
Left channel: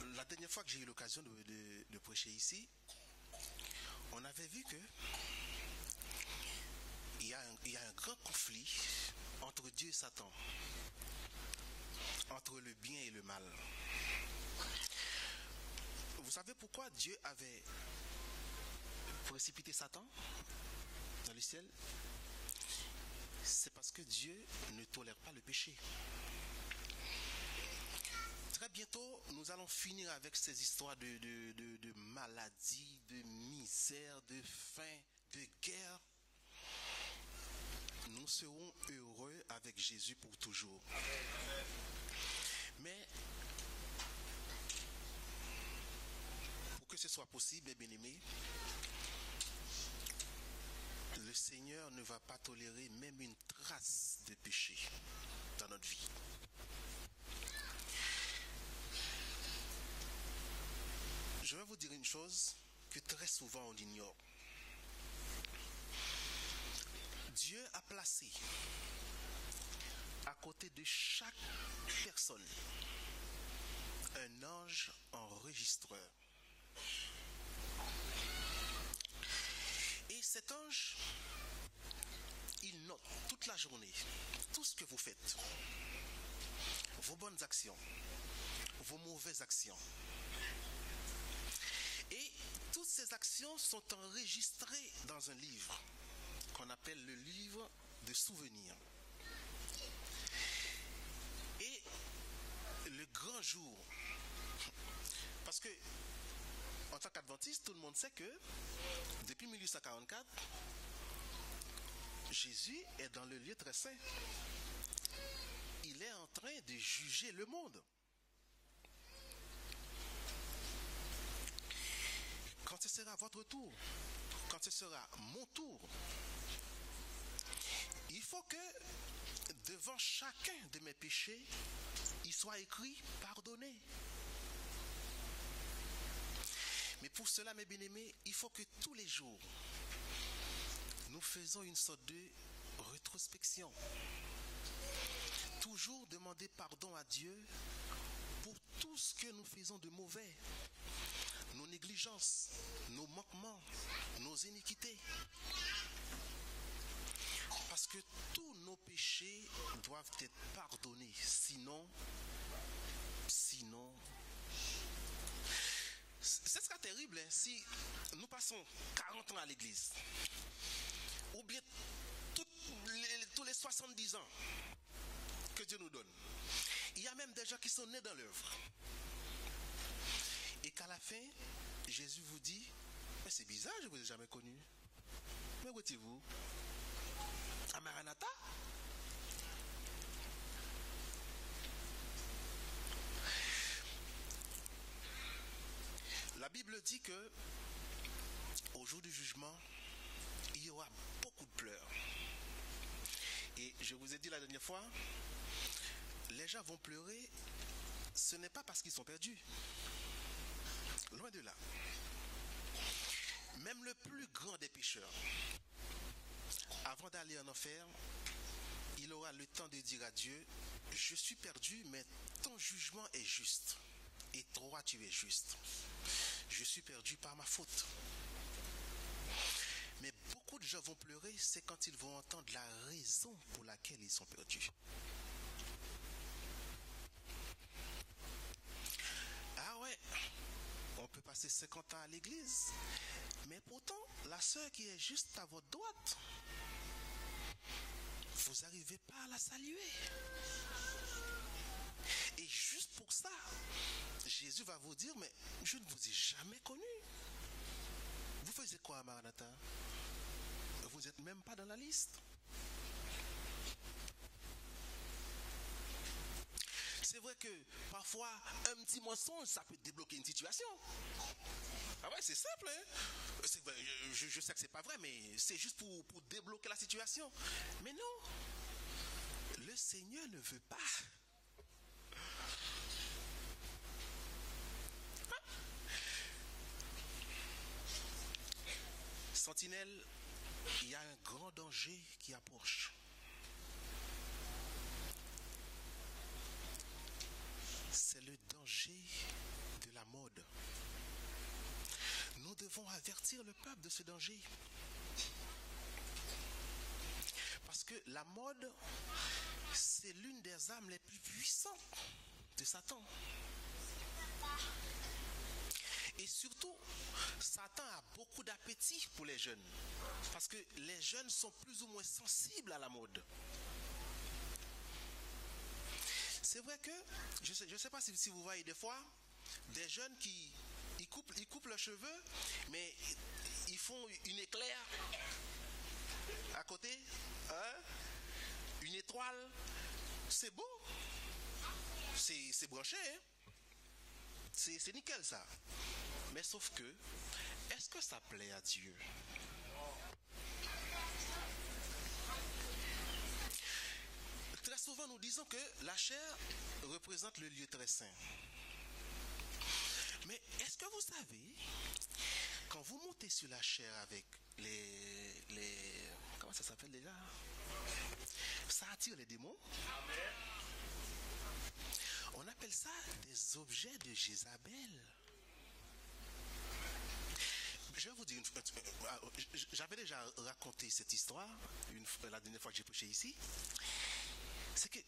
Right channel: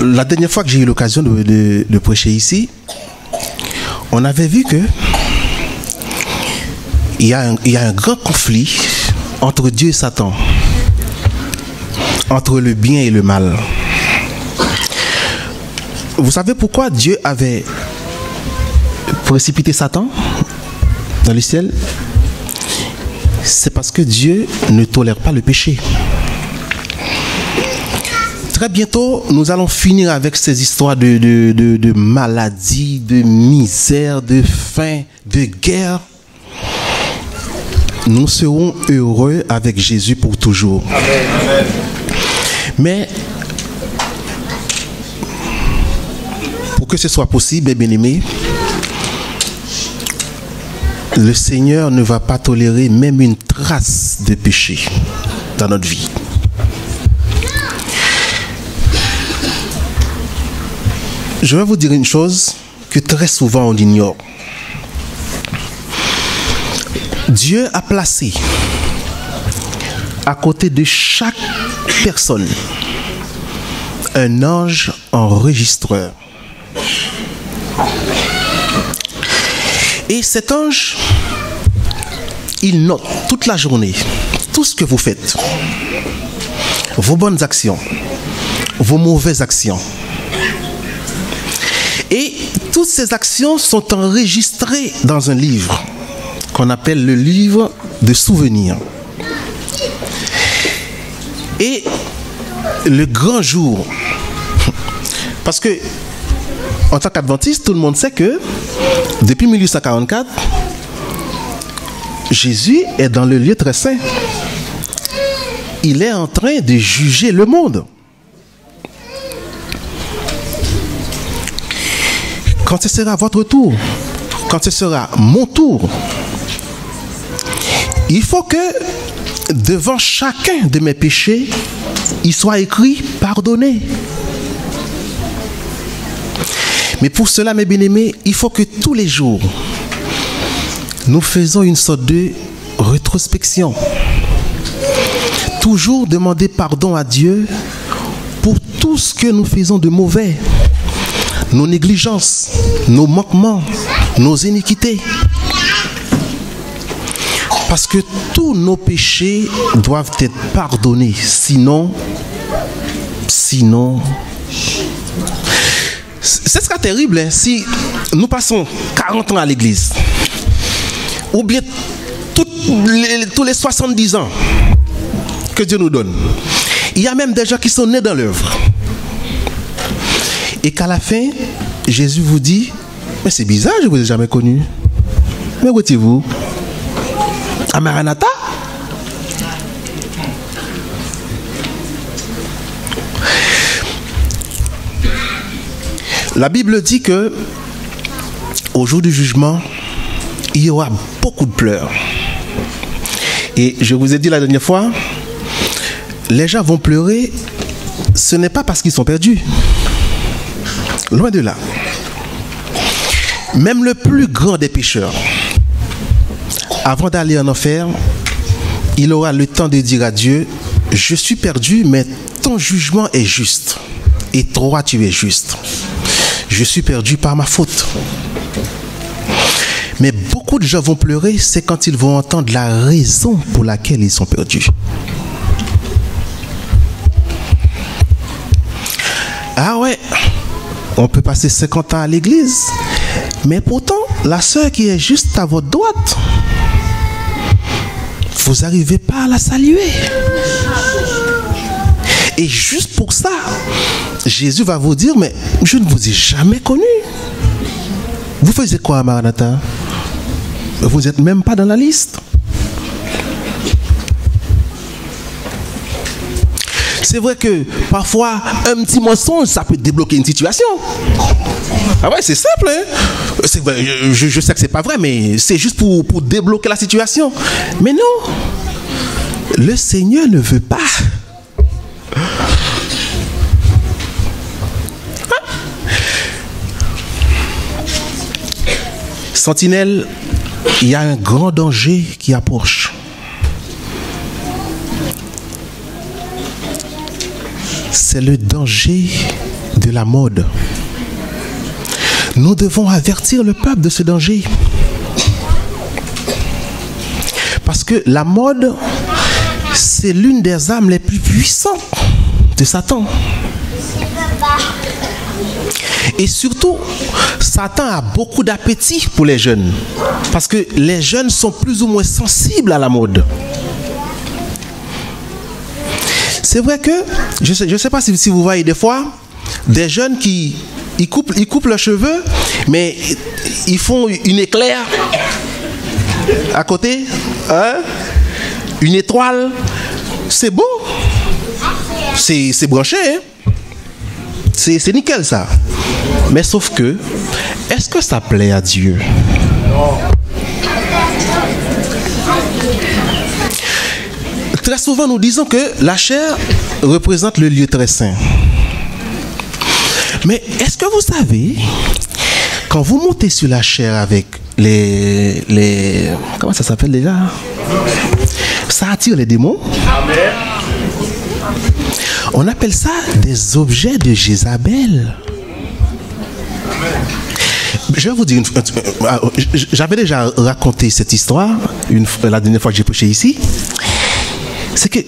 La dernière fois que j'ai eu l'occasion de prêcher ici, on avait vu que il y a un grand conflit entre Dieu et Satan, entre le bien et le mal. Vous savez pourquoi Dieu avait précipité Satan dans le ciel? C'est parce que Dieu ne tolère pas le péché. très bientôt, nous allons finir avec ces histoires de maladie, de misère, de faim, de guerre. Nous serons heureux avec Jésus pour toujours. Amen. Mais pour que ce soit possible, bien-aimés, le Seigneur ne va pas tolérer même une trace de péché dans notre vie. Je vais vous dire une chose que très souvent on ignore. Dieu a placé à côté de chaque personne un ange enregistreur. Et cet ange, il note toute la journée tout ce que vous faites, vos bonnes actions, vos mauvaises actions. Et toutes ces actions sont enregistrées dans un livre qu'on appelle le livre de souvenirs. Et le grand jour, parce que en tant qu'adventiste, tout le monde sait que depuis 1844, Jésus est dans le lieu très saint. Il est en train de juger le monde. Quand ce sera votre tour, quand ce sera mon tour, il faut que devant chacun de mes péchés, il soit écrit « pardonné ». Mais pour cela, mes bien-aimés, il faut que tous les jours, nous faisons une sorte de rétrospection. Toujours demander pardon à Dieu pour tout ce que nous faisons de mauvais. Nos négligences, nos manquements, nos iniquités. Parce que tous nos péchés doivent être pardonnés. Sinon, ce sera terrible hein, si nous passons 40 ans à l'église. Ou bien tous les 70 ans que Dieu nous donne. Il y a même des gens qui sont nés dans l'œuvre. Et qu'à la fin, Jésus vous dit, mais c'est bizarre, je ne vous ai jamais connu. Mais où étiez-vous? À Maranatha? La Bible dit que au jour du jugement, il y aura beaucoup de pleurs. Et je vous ai dit la dernière fois, les gens vont pleurer, ce n'est pas parce qu'ils sont perdus. Loin de là. Même le plus grand des pécheurs, avant d'aller en enfer, il aura le temps de dire à Dieu, je suis perdu, mais ton jugement est juste. Et toi, tu es juste. Je suis perdu par ma faute. Mais beaucoup de gens vont pleurer, c'est quand ils vont entendre la raison pour laquelle ils sont perdus. Ah ouais, on peut passer 50 ans à l'église, mais pourtant, la sœur qui est juste à votre droite, vous n'arrivez pas à la saluer. Et juste pour ça, Jésus va vous dire, mais je ne vous ai jamais connu. Vous faisiez quoi à Maranatha? Vous n'êtes même pas dans la liste. C'est vrai que parfois, un petit mensonge, ça peut débloquer une situation. Ah ouais, c'est simple. Hein? C'est vrai, je sais que c'est pas vrai, mais c'est juste pour débloquer la situation. Mais non, le Seigneur ne veut pas. Sentinelle, il y a un grand danger qui approche. C'est le danger de la mode. Nous devons avertir le peuple de ce danger. Parce que la mode, c'est l'une des armes les plus puissantes de Satan. Et surtout, Satan a beaucoup d'appétit pour les jeunes. Parce que les jeunes sont plus ou moins sensibles à la mode. c'est vrai que, je ne sais pas si vous voyez des fois, des jeunes qui ils coupent leurs cheveux, mais ils font une éclair à côté, hein? Une étoile. C'est beau. C'est branché, hein? C'est nickel ça. Mais sauf que, est-ce que ça plaît à Dieu? Très souvent, nous disons que la chair représente le lieu très saint. Mais est-ce que vous savez, quand vous montez sur la chair avec les comment ça s'appelle déjà? Ça attire les démons. Amen. On appelle ça des objets de Jézabel. Je vais vous dire, j'avais déjà raconté cette histoire la dernière fois que j'ai prêché ici. C'est que,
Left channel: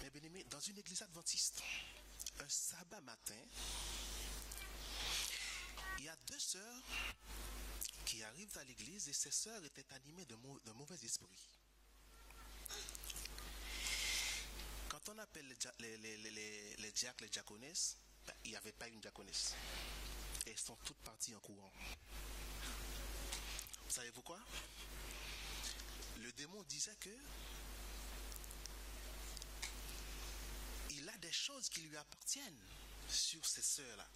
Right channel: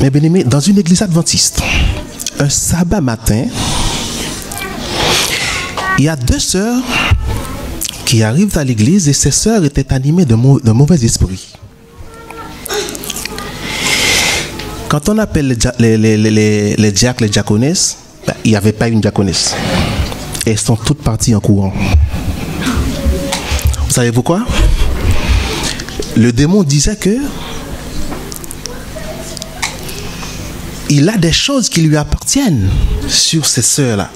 mes bien-aimés, dans une église adventiste, un sabbat matin, il y a 2 sœurs qui arrivent à l'église et ces sœurs étaient animées d'un mauvais esprit. Quand on appelle les diacres, les diaconesses, il n'y avait pas une diaconesse. Elles sont toutes parties en courant. Vous savez pourquoi? Le démon disait que il a des choses qui lui appartiennent sur ces sœurs-là.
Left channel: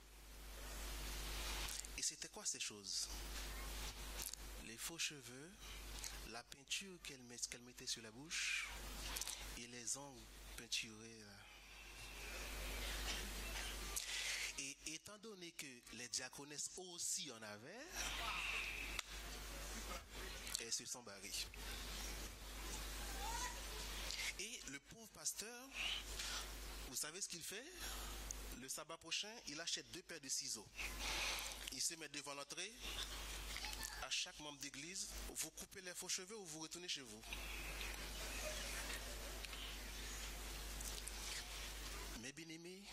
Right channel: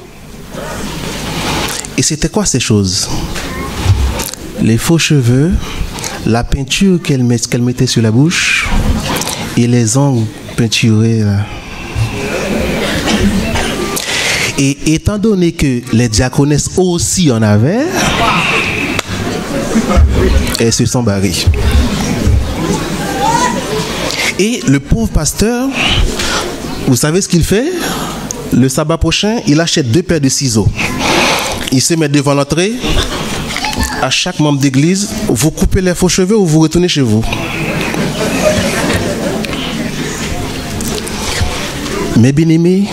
Et c'était quoi ces choses? Les faux cheveux, la peinture qu'elle mettait sur la bouche et les ongles peinturés là. Et étant donné que les diaconesses aussi en avaient, elles se sont barrées. Et le pauvre pasteur, vous savez ce qu'il fait? Le sabbat prochain, il achète 2 paires de ciseaux. Il se met devant l'entrée. À chaque membre d'église, vous coupez les faux cheveux ou vous retournez chez vous. Mes bien-aimés,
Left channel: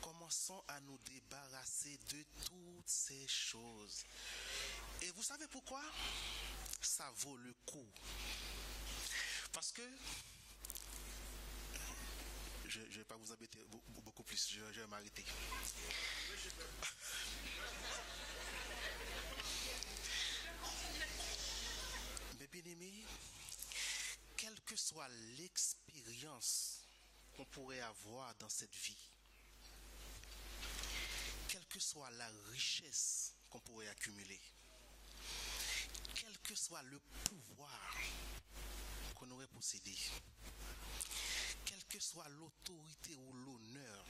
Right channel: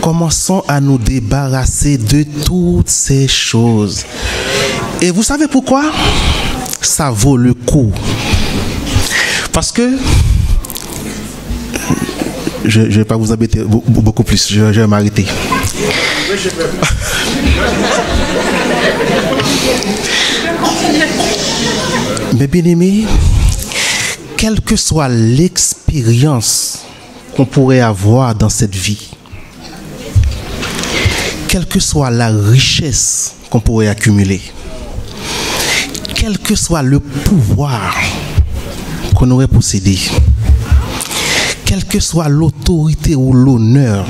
commençons à nous débarrasser de toutes ces choses. Et vous savez pourquoi? Ça vaut le coup. Parce que je ne vais pas vous embêter beaucoup plus, je vais m'arrêter. Mais bien aimés, quelle que soit l'expérience qu'on pourrait avoir dans cette vie, quelle que soit la richesse qu'on pourrait accumuler, quel que soit le pouvoir qu'on aurait possédé, quelle que soit l'autorité ou l'honneur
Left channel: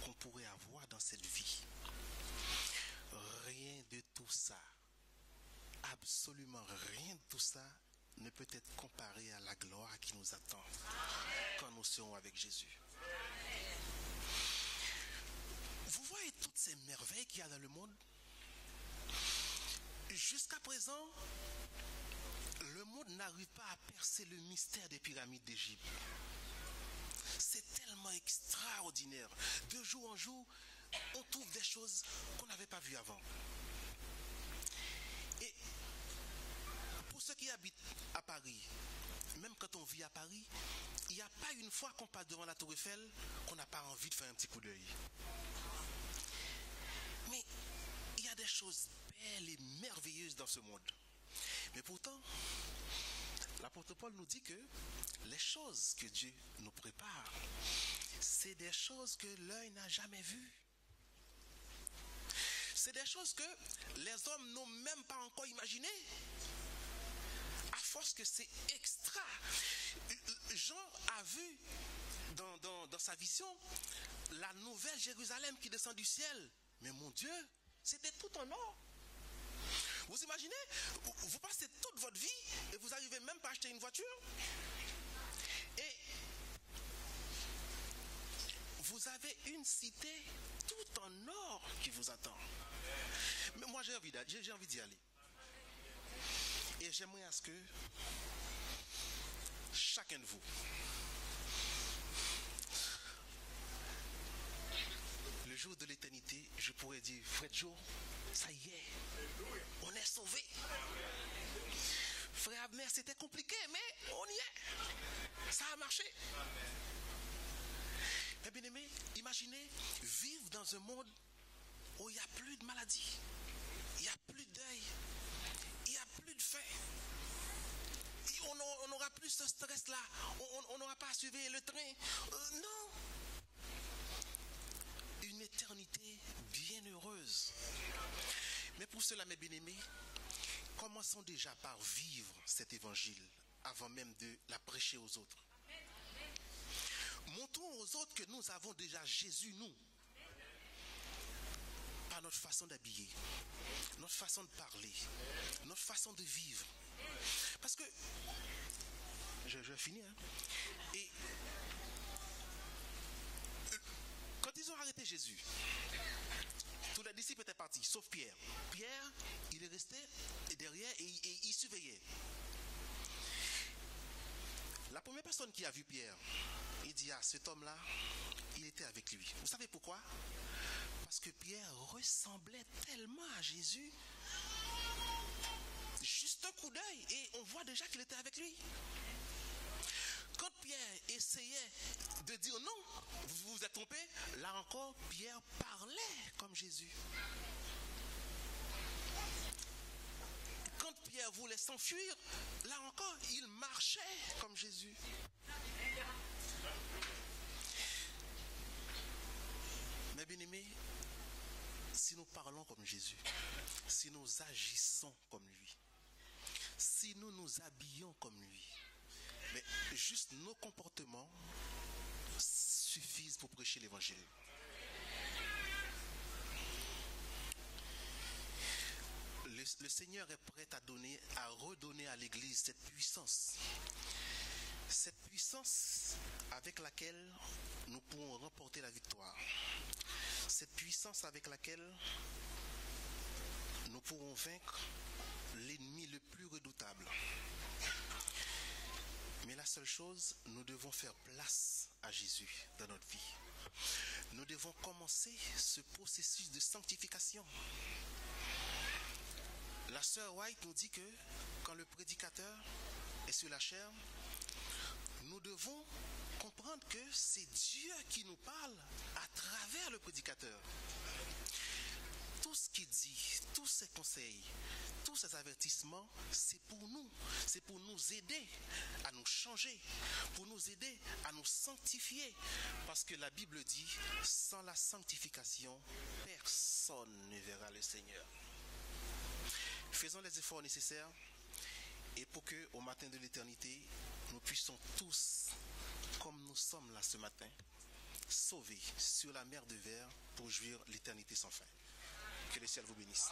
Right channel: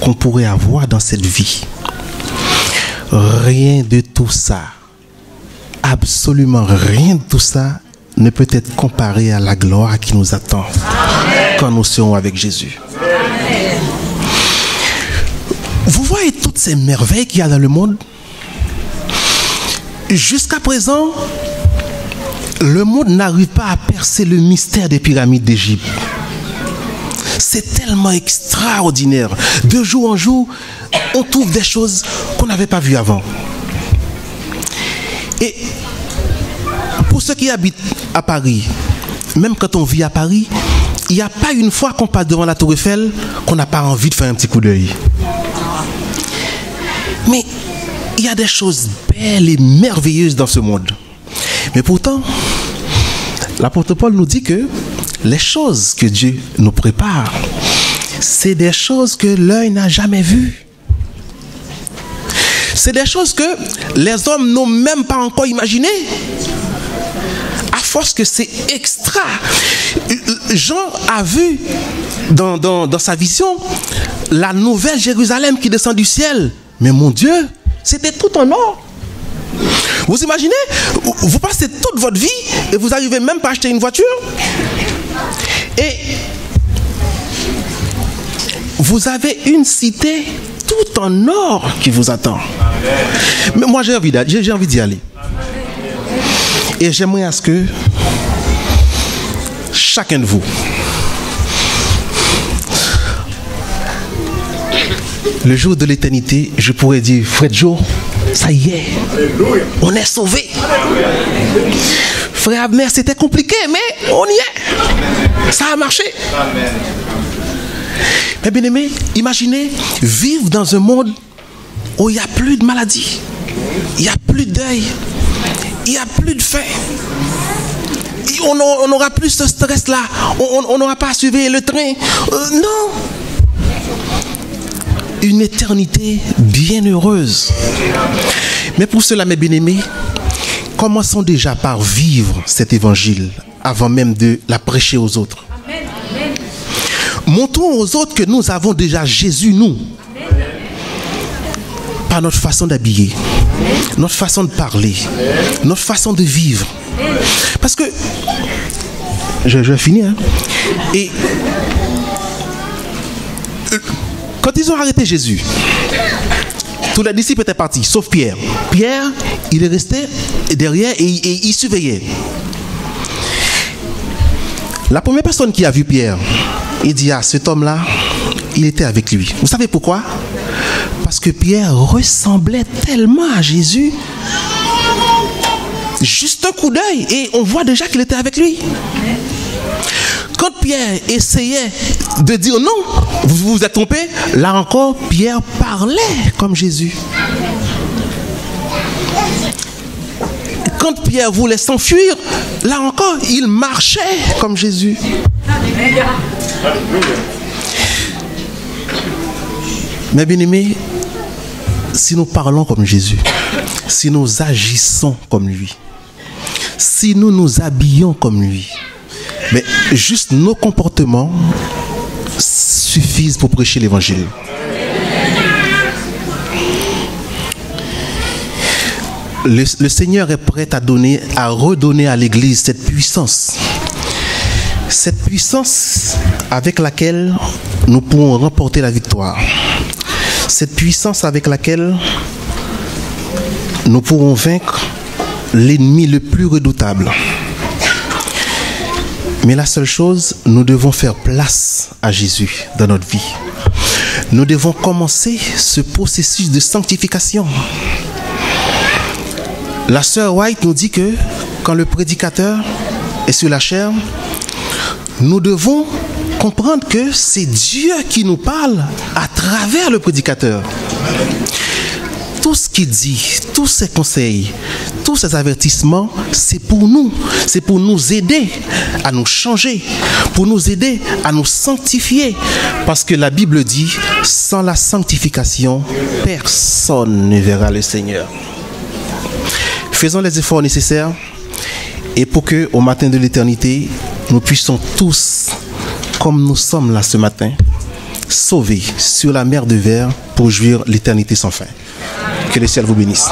qu'on pourrait avoir dans cette vie, rien de tout ça, absolument rien de tout ça ne peut être comparé à la gloire qui nous attend. Amen. Quand nous serons avec Jésus. Amen. Vous voyez toutes ces merveilles qu'il y a dans le monde? Jusqu'à présent, le monde n'arrive pas à percer le mystère des pyramides d'Égypte. C'est tellement extraordinaire. De jour en jour, on trouve des choses qu'on n'avait pas vues avant. Et pour ceux qui habitent à Paris, même quand on vit à Paris, il n'y a pas une fois qu'on passe devant la Tour Eiffel qu'on n'a pas envie de faire un petit coup d'œil. Mais il y a des choses belles et merveilleuses dans ce monde. Mais pourtant, l'apôtre Paul nous dit que les choses que Dieu nous prépare, c'est des choses que l'œil n'a jamais vues. C'est des choses que les hommes n'ont même pas encore imaginées. À force que c'est extra. Jean a vu dans sa vision la nouvelle Jérusalem qui descend du ciel. Mais mon Dieu, c'était tout en or. Vous imaginez, vous passez toute votre vie et vous n'arrivez même pas à acheter une voiture. Et vous avez une cité tout en or qui vous attend. Mais moi j'ai envie d'y aller. Et j'aimerais à ce que chacun de vous, le jour de l'éternité, je pourrais dire, Frère Joe, ça y est, on est sauvés. Frère Abner, c'était compliqué, mais on y est. Ça a marché. Mais bien aimé, imaginez vivre dans un monde où il n'y a plus de maladie, il n'y a plus de deuil, il n'y a plus de faim. On n'aura plus ce stress-là. On n'aura pas à suivre le train. Non. Une éternité bien heureuse. Mais pour cela, mes bien-aimés, commençons déjà par vivre cet évangile avant même de la prêcher aux autres. Montrons aux autres que nous avons déjà Jésus, nous. Par notre façon d'habiller, notre façon de parler, notre façon de vivre. Parce que, je vais finir, hein. Et quand ils ont arrêté Jésus, tous les disciples étaient partis, sauf Pierre. Pierre, il est resté derrière et il surveillait. La première personne qui a vu Pierre, il dit, ah, cet homme-là, il était avec lui. Vous savez pourquoi? Parce que Pierre ressemblait tellement à Jésus. Juste un coup d'œil et on voit déjà qu'il était avec lui. Quand Pierre essayait de dire non, vous vous êtes trompé, là encore, Pierre parlait comme Jésus. Quand Pierre voulait s'enfuir, là encore, il marchait comme Jésus. Mais bien aimés, si nous parlons comme Jésus, si nous agissons comme lui, si nous nous habillons comme lui, mais juste nos comportements suffisent pour prêcher l'évangile. Le Seigneur est prêt à redonner à l'Église cette puissance avec laquelle nous pourrons remporter la victoire. Cette puissance avec laquelle nous pourrons vaincre l'ennemi le plus redoutable. Mais la seule chose, nous devons faire place à Jésus dans notre vie. Nous devons commencer ce processus de sanctification. La sœur White nous dit que quand le prédicateur est sur la chair, nous devons comprendre que c'est Dieu qui nous parle à travers le prédicateur. Tout ce qu'il dit, tous ses conseils, tous ses avertissements, c'est pour nous aider à nous changer, pour nous aider à nous sanctifier. Parce que la Bible dit, sans la sanctification, personne ne verra le Seigneur. Faisons les efforts nécessaires et pour que, au matin de l'éternité, nous puissions tous, comme nous sommes là ce matin, sauvés sur la mer de verre pour jouir l'éternité sans fin. Que le ciel vous bénisse.